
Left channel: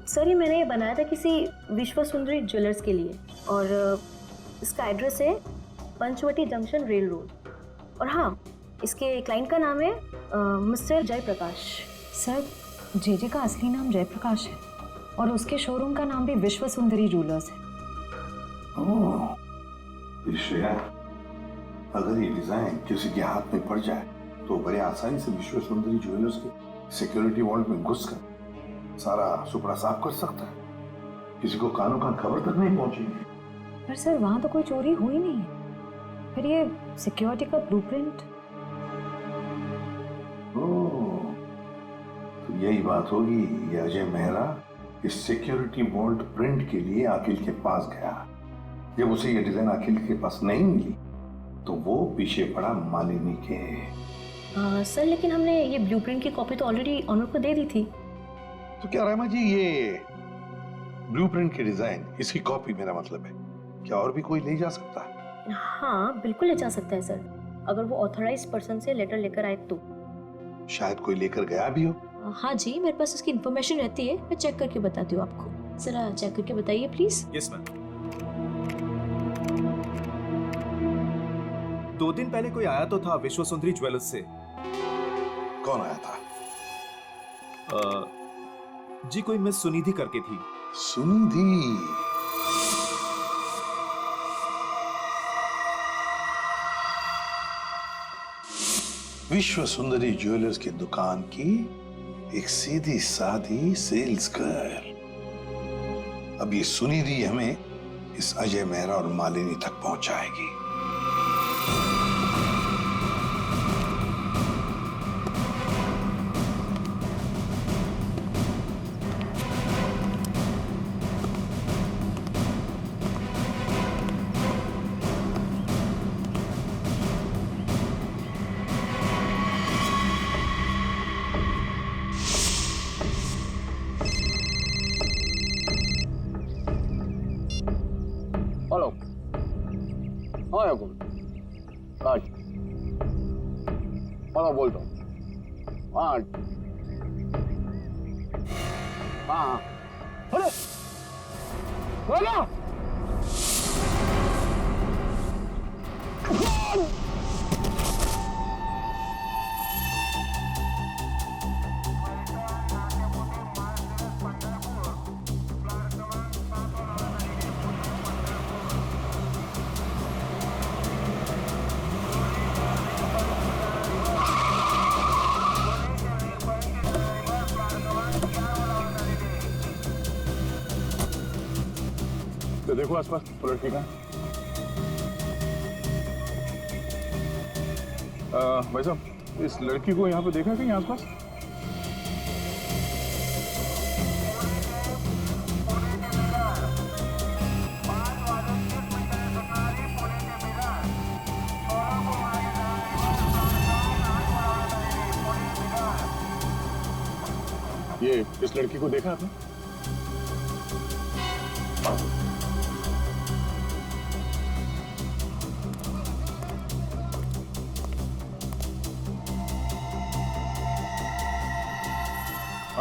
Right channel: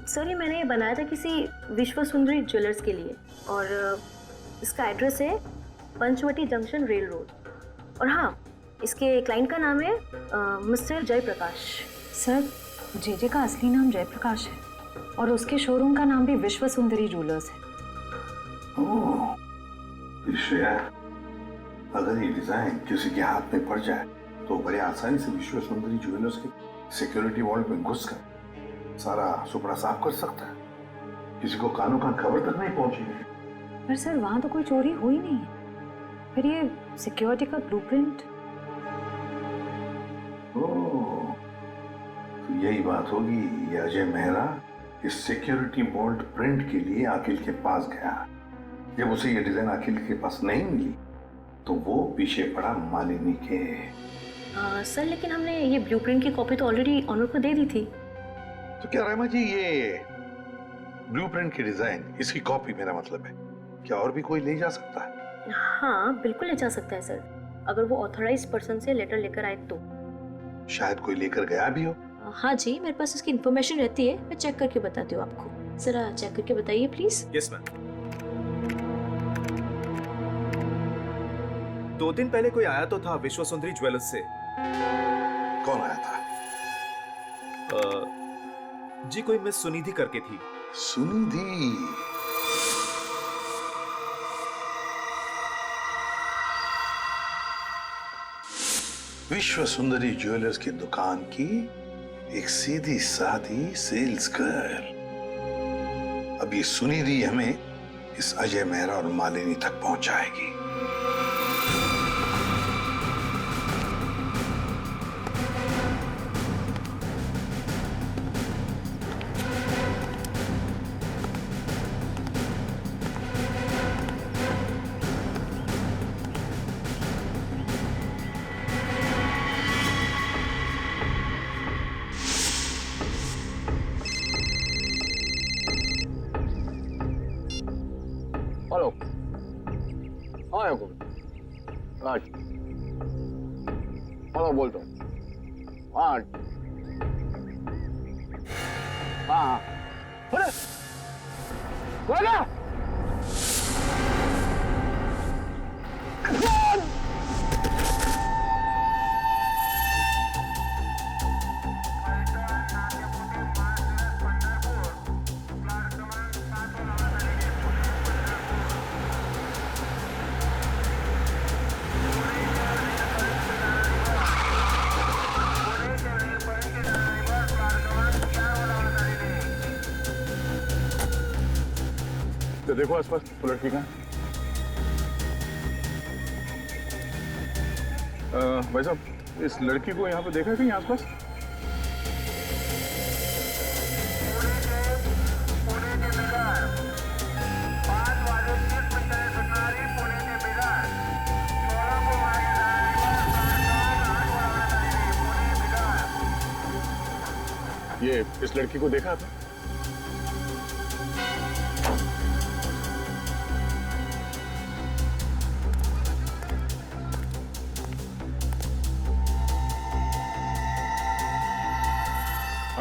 सर, ये मैंने बनाया था किसी विश्व सुंदरी ज्वेलर्स के लिए, और इसका एड्रेस है पंचवटी जंक्शन रेल रोड। और हाँ, इसके क्लाइंट का नाम है मिस्टर जयप्रकाश। सर, जेजे का असली नाम जयप्रकाश है और उसके शोरूम का नाम भी विश्व सुंदरी ज्वेलर्स है। ओह, श्रेया, अगर ये डिजाइन किसी के हाथ में पड़ जाए तो बड़े आसानी से विश्व सुंदरी ज्वेलर्स के सिक्योरिटी वॉल्ट में घुसकर सारा सुपड़ा साफ कर सकता है। किसी को कानों कान खबर तक नहीं पहुंचेगी। पर सर, वहां तो कोई चोरी हुई नहीं है। फिर ये सिक्योरिटी का ब्लूप्रिंट। ओह, तो यही बात होगी। ये अजय मेहरा इस सिक्योरिटी वॉल्ट प्रिंट के लिए अखिल के पास गया। जब उसे ये डिजाइन अखिल के पास नहीं मिली तो वो पीछे पड़ा मालिनी के। सर, लेकिन हमने ये ब्लूप्रिंट की कॉपी तो ऑलरेडी ऑनर को दे दी थी। तो क्या रहमा जी, ये ब्लूप्रिंट की डिजाइन, इसकी कॉपी मेरा मतलब है, क्या और भी कोई ले जा सकता है? हाँ, बिल्कुल ले जा सकता है सर, अगर वो ऑथराइज पर्सन से लेटर लेकर आए तो। शायद कोई लेकर गया भी हो। हाँ जी, मेरे पास इसकी इन्फॉर्मेशन रहती है, मैं चेक करके बताती हूँ आपको। जरा चेक करके बताइए प्लीज। Yes ma'am. 2 दिन पहले कोई आया तो था विश्व सुंदरी ज्वेलर्स से। कौन आया था? जी, कोई मिस सुनिधि करके थी। सुनिधि? विश्व सुंदरी ज्वेलर्स की दुकान की एक सीधी सादी सेल्स गर्ल। अब ये सुनिधि हमें इस अजय मेहरा और मालिनी तक पहुंचाएगी। हेलो। हाँ याकूब, आज हेलो बोलता हूँ। हाँ हाँ, अरे हो गया। तो देखो आसपास वो लड़की कहाँ? भाई साहब, इस लड़की को यहाँ पे देखा है कहीं आसपास? ये इस लड़की को देखा आपने?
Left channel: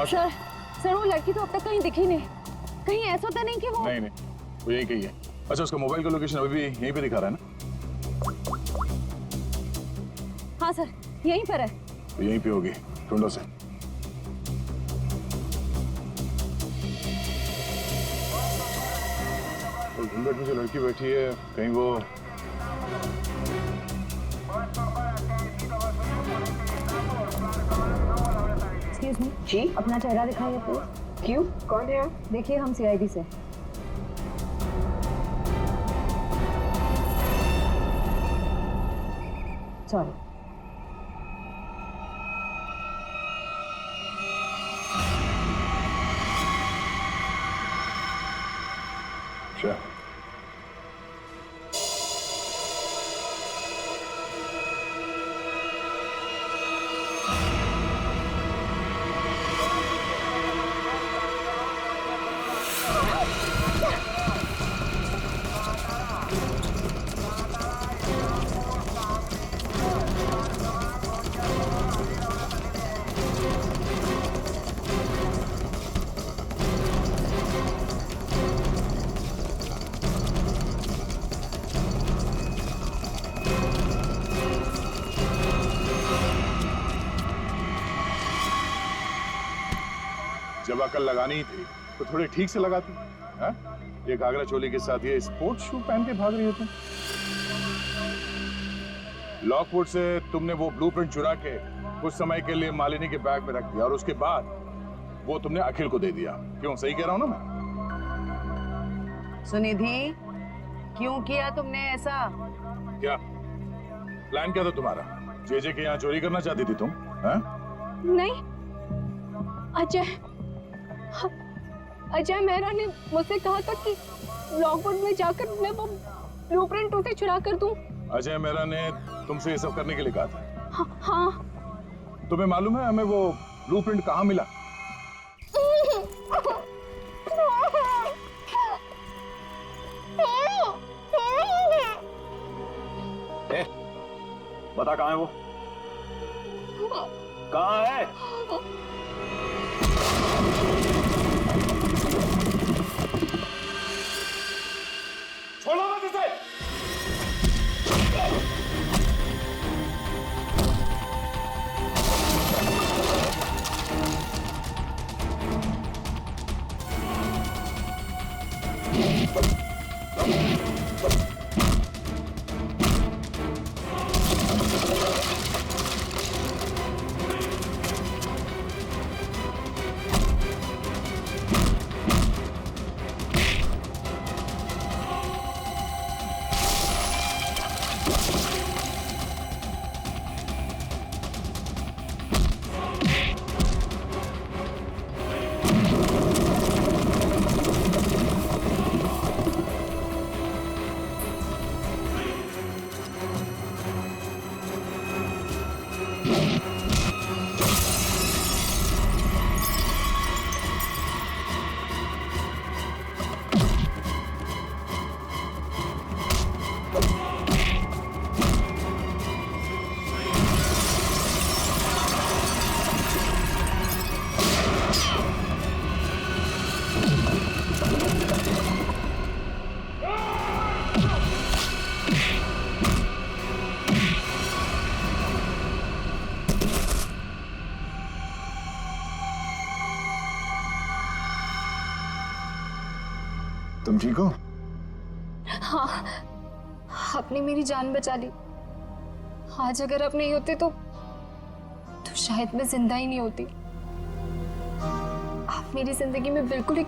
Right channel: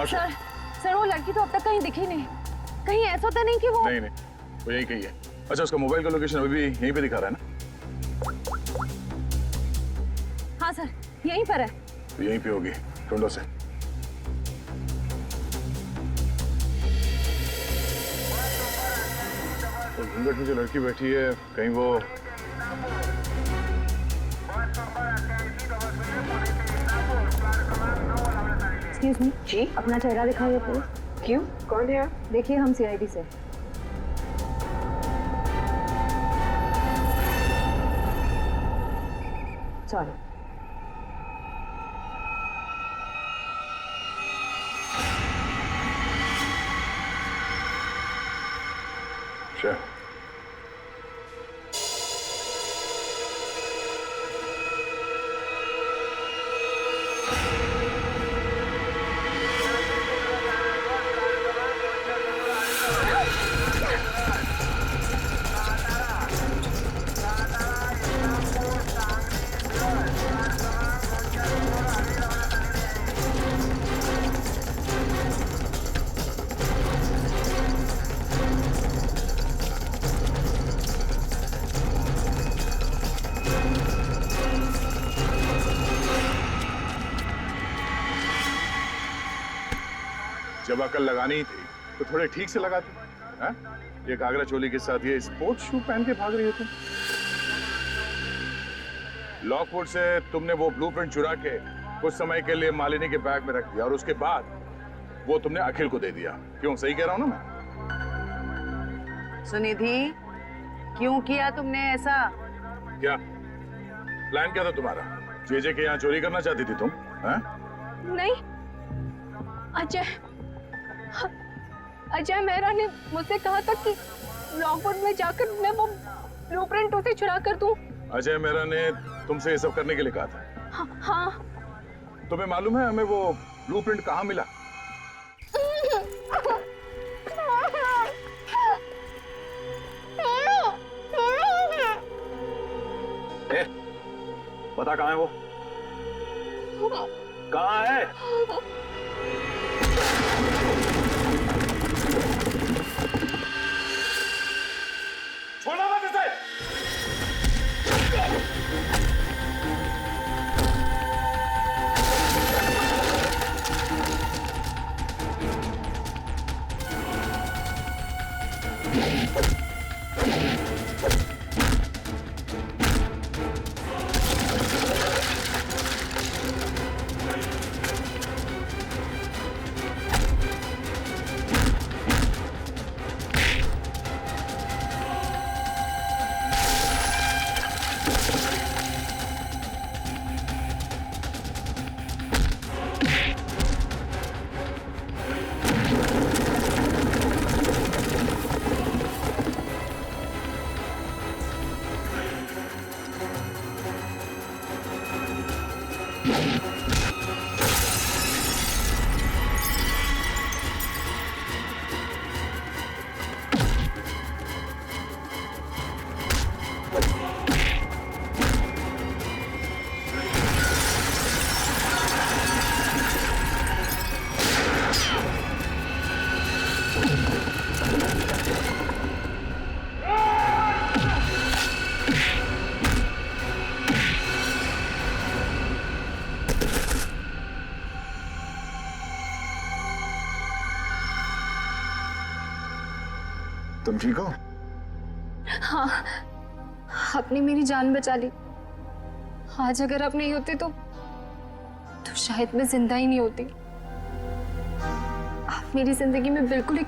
सर, वो लड़की तो अब तक कहीं दिखी नहीं। कहीं ऐसा तो नहीं कि वो... नहीं, वो यही कही है। अच्छा, उसका मोबाइल का लोकेशन अभी भी यहीं पे दिखा रहा है ना? हाँ सर, यहीं पर है। तो यहीं पे होगी, ढूंढो से। तो घूंघट में जो लड़की बैठी है, कहीं वो... एक्सक्यूज मी जी, अपना चेहरा दिखाइए प्लीज। क्यों, कौन है आप? देखिए, हम सीआईडी से। सॉरी। Sure. जब अकल लगानी ही थी तो थोड़े ठीक से लगाती हैं? ये घाघरा चोली के साथ ये स्पोर्ट्स शू पहन के भाग रही हो तुम। लॉकवुड से तुमने वो ब्लूप्रिंट चुरा के कुछ समय के लिए मालिनी के बैग में रख दिया और उसके बाद वो तुमने अखिल को दे दिया। क्यों, सही कह रहा हूं ना मैं? सुनिधि, क्यों किया तुमने ऐसा? क्या प्लान क्या था तुम्हारा? जेजे के यहाँ चोरी करना चाहती थी तुम? हैं? नहीं, अजय मेहरा ने मुझसे कहा था कि लॉकवुड में जाकर मैं वो ब्लूप्रिंट उसे चुरा कर दूं। अजय मेहरा ने तुमसे ये सब करने के लिए कहा था? हाँ। तुम्हें मालूम है हमें वो ब्लूप्रिंट कहाँ मिला? बता कहाँ है वो? कहाँ है? छोड़ो मत इसे! तुम ठीक हो? हाँ, आपने मेरी जान बचा ली। आज अगर आप नहीं होते तो शायद मैं जिंदा ही नहीं होती। आप मेरी जिंदगी में बिल्कुल एक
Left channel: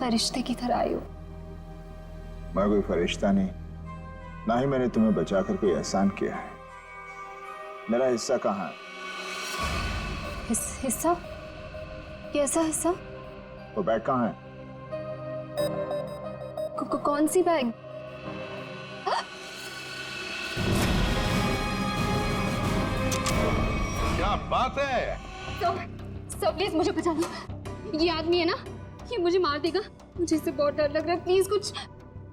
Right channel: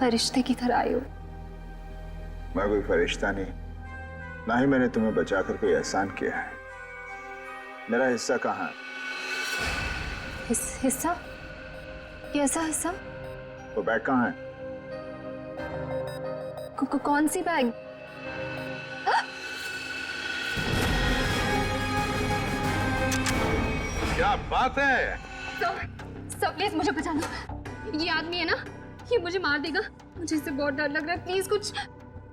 फरिश्ते की तरह आए हो। मैं कोई फरिश्ता नहीं, ना ही मैंने तुम्हें बचाकर कोई एहसान किया है। मेरा हिस्सा कहाँ है? हिस्सा? कैसा हिस्सा? वो बैग कहाँ है? कौन सी बैग? क्या बात है? सब प्लीज मुझे बचा लो। ये आदमी है ना, ये मुझे मार देगा। मुझे इससे बहुत डर लग रहा है। प्लीज कुछ।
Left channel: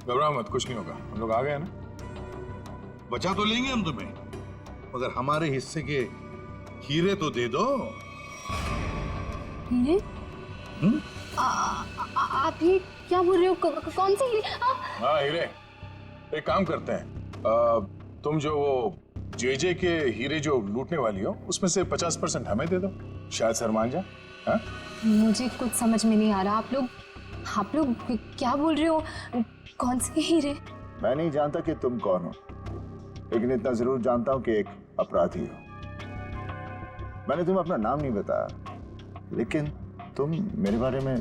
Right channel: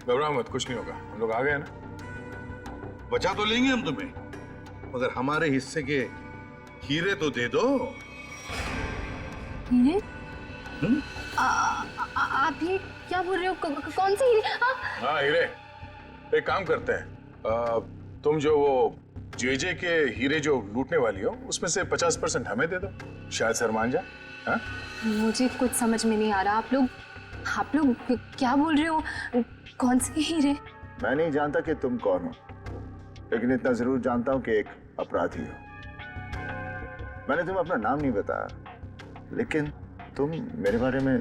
घबराओ मत, कुछ नहीं होगा। हम लोग आ गए ना, बचा तो लेंगे हम तुम्हें, मगर हमारे हिस्से के हीरे तो दे दो। हीरे? आप ये क्या बोल रहे हो? कौन से हीरे? हाँ हीरे। एक काम करते हैं, तुम जो वो जेजे के हीरे जो लूटने वाली हो उसमें से 50% हमें दे दो, शायद सर मान जाए। हाँ? मुझे कुछ समझ में नहीं आ रहा। आप लोग क्या बोल रहे हो? कौन से हीरे? मैं नहीं जानता कि तुम कौन हो, लेकिन इतना जरूर जानता हूं कि एक अपराधी हो। मैंने तुम्हें अपना नाम नहीं बताया, लेकिन तुम मेरे बारे में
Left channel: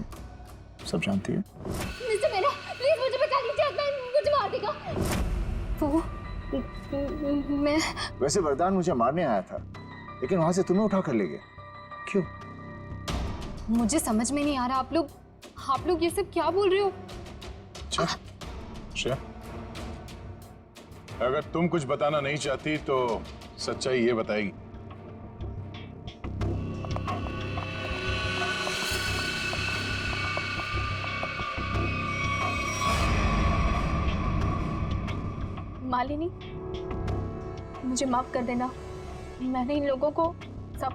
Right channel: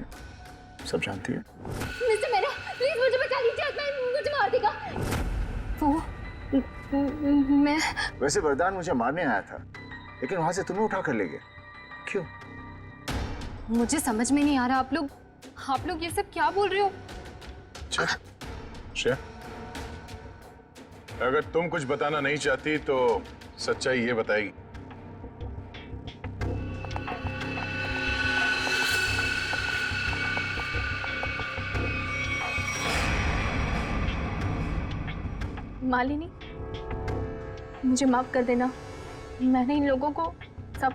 सब जानती है। मिस्टर मेरा, प्लीज मुझे बचा लीजिए, मुझे मार देगा वो। मैं वैसे वरदान मुझे मारने आया था, लेकिन वहां से तुम्हें उठा कर ले गया। क्यों? मुझे समझ में नहीं आ रहा। आप लोग ये सब क्या बोल रहे हो? अच्छा, श्रेया, अगर तुम कुछ बताना नहीं चाहती तो सच्चाई ये बताएगी। मालिनी, मुझे माफ कर देना। मैंने इन लोगों को सब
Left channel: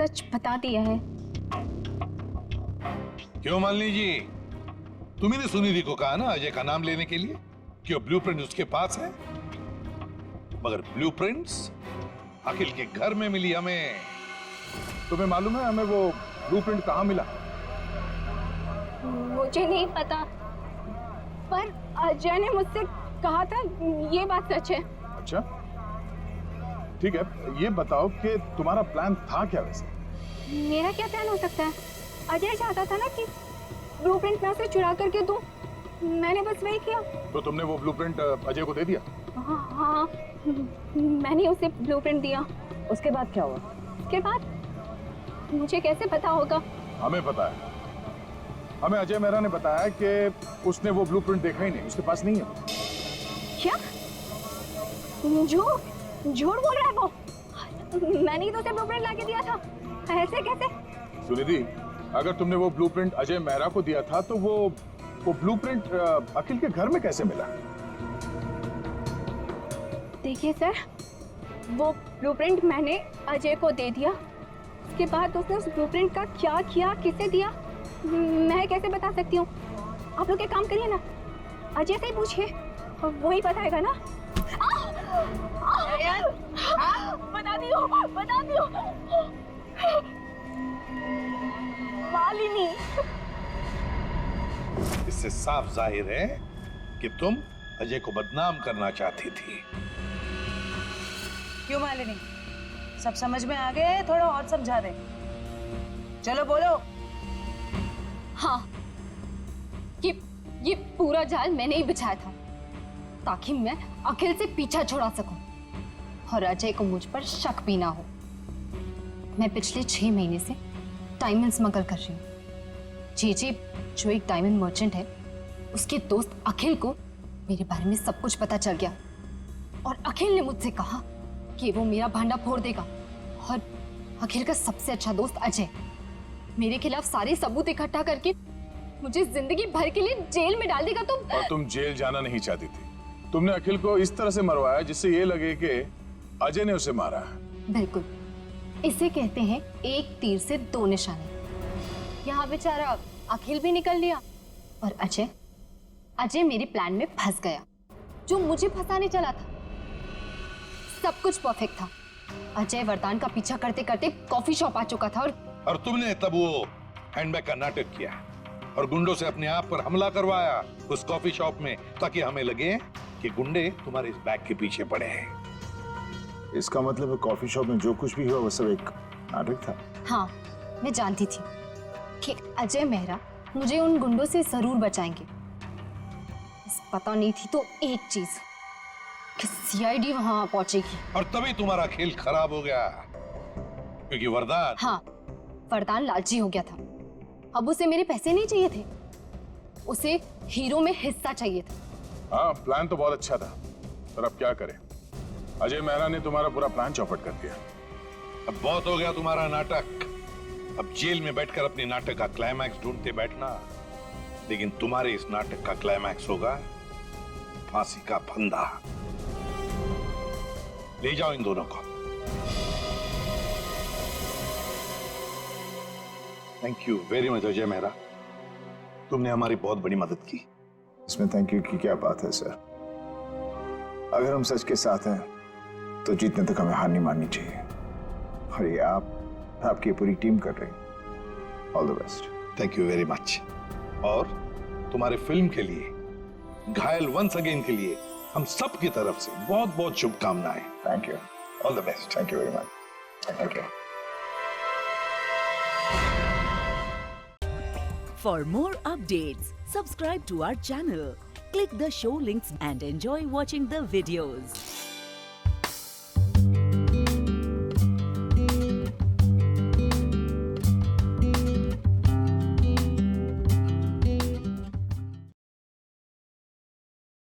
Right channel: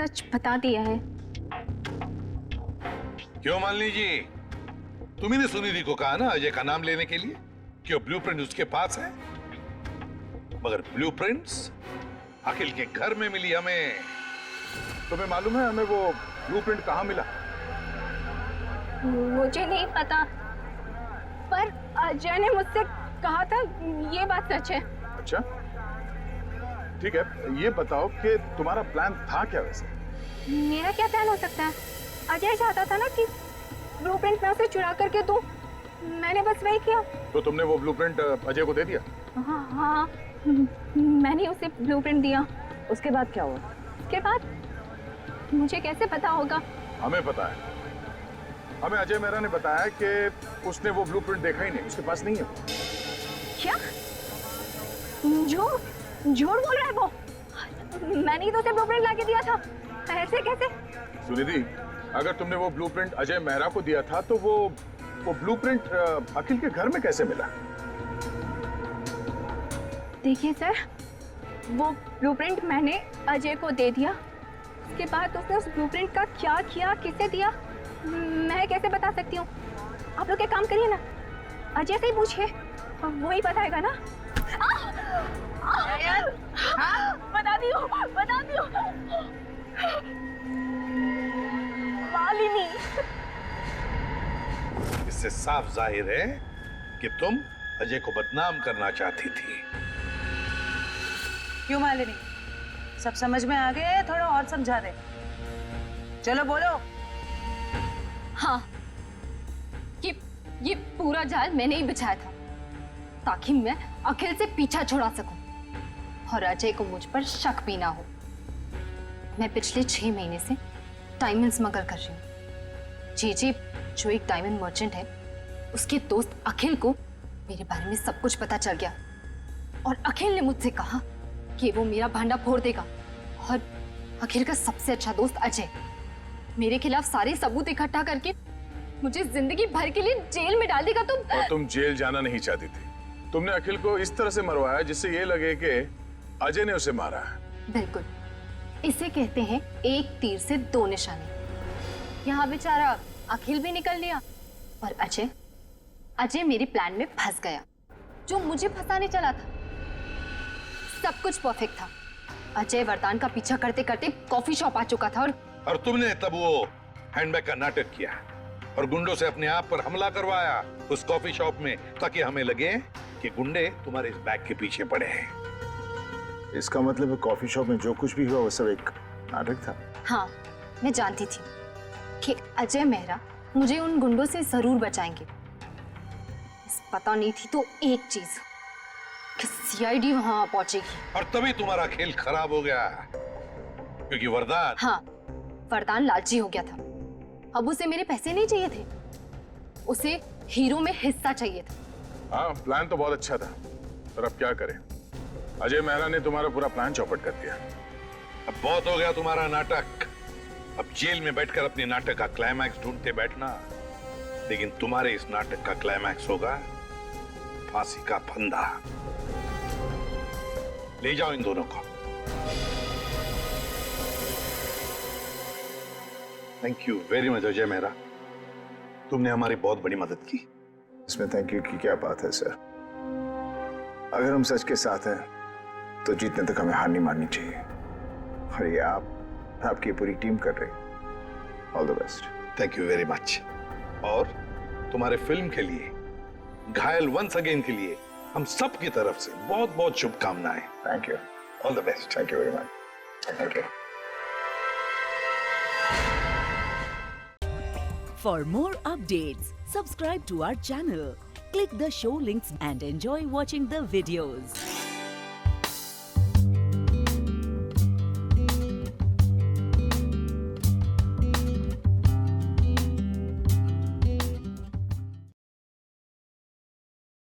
सच बता दिया है। क्यों मालिनी जी, तुम्ही ने सुनिधि को कहा ना अजय का नाम लेने के लिए, क्यों ब्लूप्रिंट उसके पास है? मगर ब्लूप्रिंट्स अखिल के घर में मिली हमें। तुम्हें मालूम है हमें वो ब्लूप्रिंट कहाँ मिला? मुझे नहीं पता, पर अजय ने मुझसे कहा था, ये बात सच है। अच्छा, ठीक है, ये बताओ कि तुम्हारा प्लान था क्या वैसे? मेरा क्या प्लान हो सकता है? अजय चाहता था ना कि ब्लूप्रिंट मैं उसे चुरा करके दूं। मैंने बस वही किया। तो तुमने वो ब्लूप्रिंट अजय को दे दिया? हाँ, मैंने उसे ब्लूप्रिंट दिया। उसके बाद क्या हुआ? उसके बाद मुझे कैसे पता होगा? हमें पता है। हमें अजय मेहरा ने बताया कि उसने वो ब्लूप्रिंट देखा ही नहीं, उसके पास नहीं है। क्या? झूठ बोल रहा है वो। मैंने ही तो उसे ब्लूप्रिंट लाके दिया था। ऐसे कैसे? सुनिधि, अगर तुमने वो ब्लूप्रिंट अजय मेहरा को दिया था तो वो ब्लूप्रिंट अखिल के घर में कैसे मिला? देखिए सर, वो ब्लूप्रिंट मैंने अजय को दे दिया। उसके बाद उसने उस ब्लूप्रिंट का क्या किया, किसे दिया, मैं कैसे बता सकती हूँ? आप लोग एक काम करिए ना, अजय से ही पूछिए, वही बताएगा ना। बता दियो। मालिनी, इससे साफ जाहिर है कि तुम अजय को बदनाम करना चाहती थी। क्यों मालिनी, सब समझ में आ गए? थोड़ा और समझा दे। चलो बोलो। हाँ, ये पूरा जाल मैंने ही बिछाया था ताकि मैं अखिल से पीछा छुड़ा सकूं और अजय को मुझ पर शक भी ना हो। मैं पिछले 6 महीने से डायमंड स्मगल कर रही हूँ। जी जो एक डायमंड मर्चेंट है, उसके दोस्त अखिल को मेरे बारे में सब कुछ पता चल गया और अखिल ने मुझसे कहा कि वो मेरा भांडा फोड़ देगा। और अखिल का सबसे अच्छा दोस्त अजय मेरे खिलाफ सारे सबूत इकट्ठा करके मुझे जिंदगी भर के लिए जेल में डाल देगा। और तुम जेल जाना नहीं चाहती थी। तुमने अखिल को इस तरह से मरवाया जिससे ये लगे कि अजय ने उसे मारा है। बिल्कुल, इसे कहते हैं एक तीर से 2 निशाने। यहाँ बेचारा अखिल भी निकल लिया और अजय मेरे प्लान में फंस गया, जो मुझे फंसाने चला था। सब कुछ परफेक्ट था। अजय वरदान का पीछा करते करते कॉफी शॉप आ चुका था और तुमने तब वो हैंडबैग का नाटक किया और गुंडों से अपने आप पर हमला करवाया उस कॉफी शॉप में, ताकि हमें लगे कि गुंडे तुम्हारे इस बैग के पीछे पड़े हैं। इसका मतलब है कॉफी शॉप में जो कुछ भी हुआ वो सब एक नाटक था। हाँ, मैं जानती थी कि अजय मेहरा मुझे उन गुंडों से जरूर बचाएंगे। बस पता नहीं थी तो एक चीज कि सीआईडी वहां पहुंचेगी। और तभी तुम्हारा खेल खराब हो गया, क्योंकि वरदान। हाँ, वरदान लालची हो गया था। अब उसे मेरे पैसे नहीं चाहिए थे, उसे हीरो में हिस्सा चाहिए था। हाँ, प्लान तो बहुत अच्छा था, पर अब क्या करें? अजय मेहरा ने तुम्हारा पूरा प्लान चौपट कर दिया। अब बहुत हो गया तुम्हारा नाटक। अब जेल में बैठकर अपने नाटक का क्लाइमैक्स ढूंढते बैठना, लेकिन तुम्हारे इस नाटक का क्लाइमैक्स होगा फांसी का फंदा। ले जाओ इन दोनों को। Thank you very much Ajay Mehra, तुमने हमारी बहुत बड़ी मदद की। इसमें थैंक यू की क्या बात है सर? अगर हम सच के साथ हैं तो जीतने तक हमें हार नहीं माननी चाहिए, और ये आपकी पूरी टीम कर रही है। All the best. Thank you very much. और तुम्हारे फिल्म के लिए, घायल वंस अगेन के लिए हम सब की तरफ से बहुत बहुत शुभकामनाएं। Thank you. All the best. Thank you very much. Thank you. For more updates, subscribe to our channel, click the show links and enjoy watching the videos.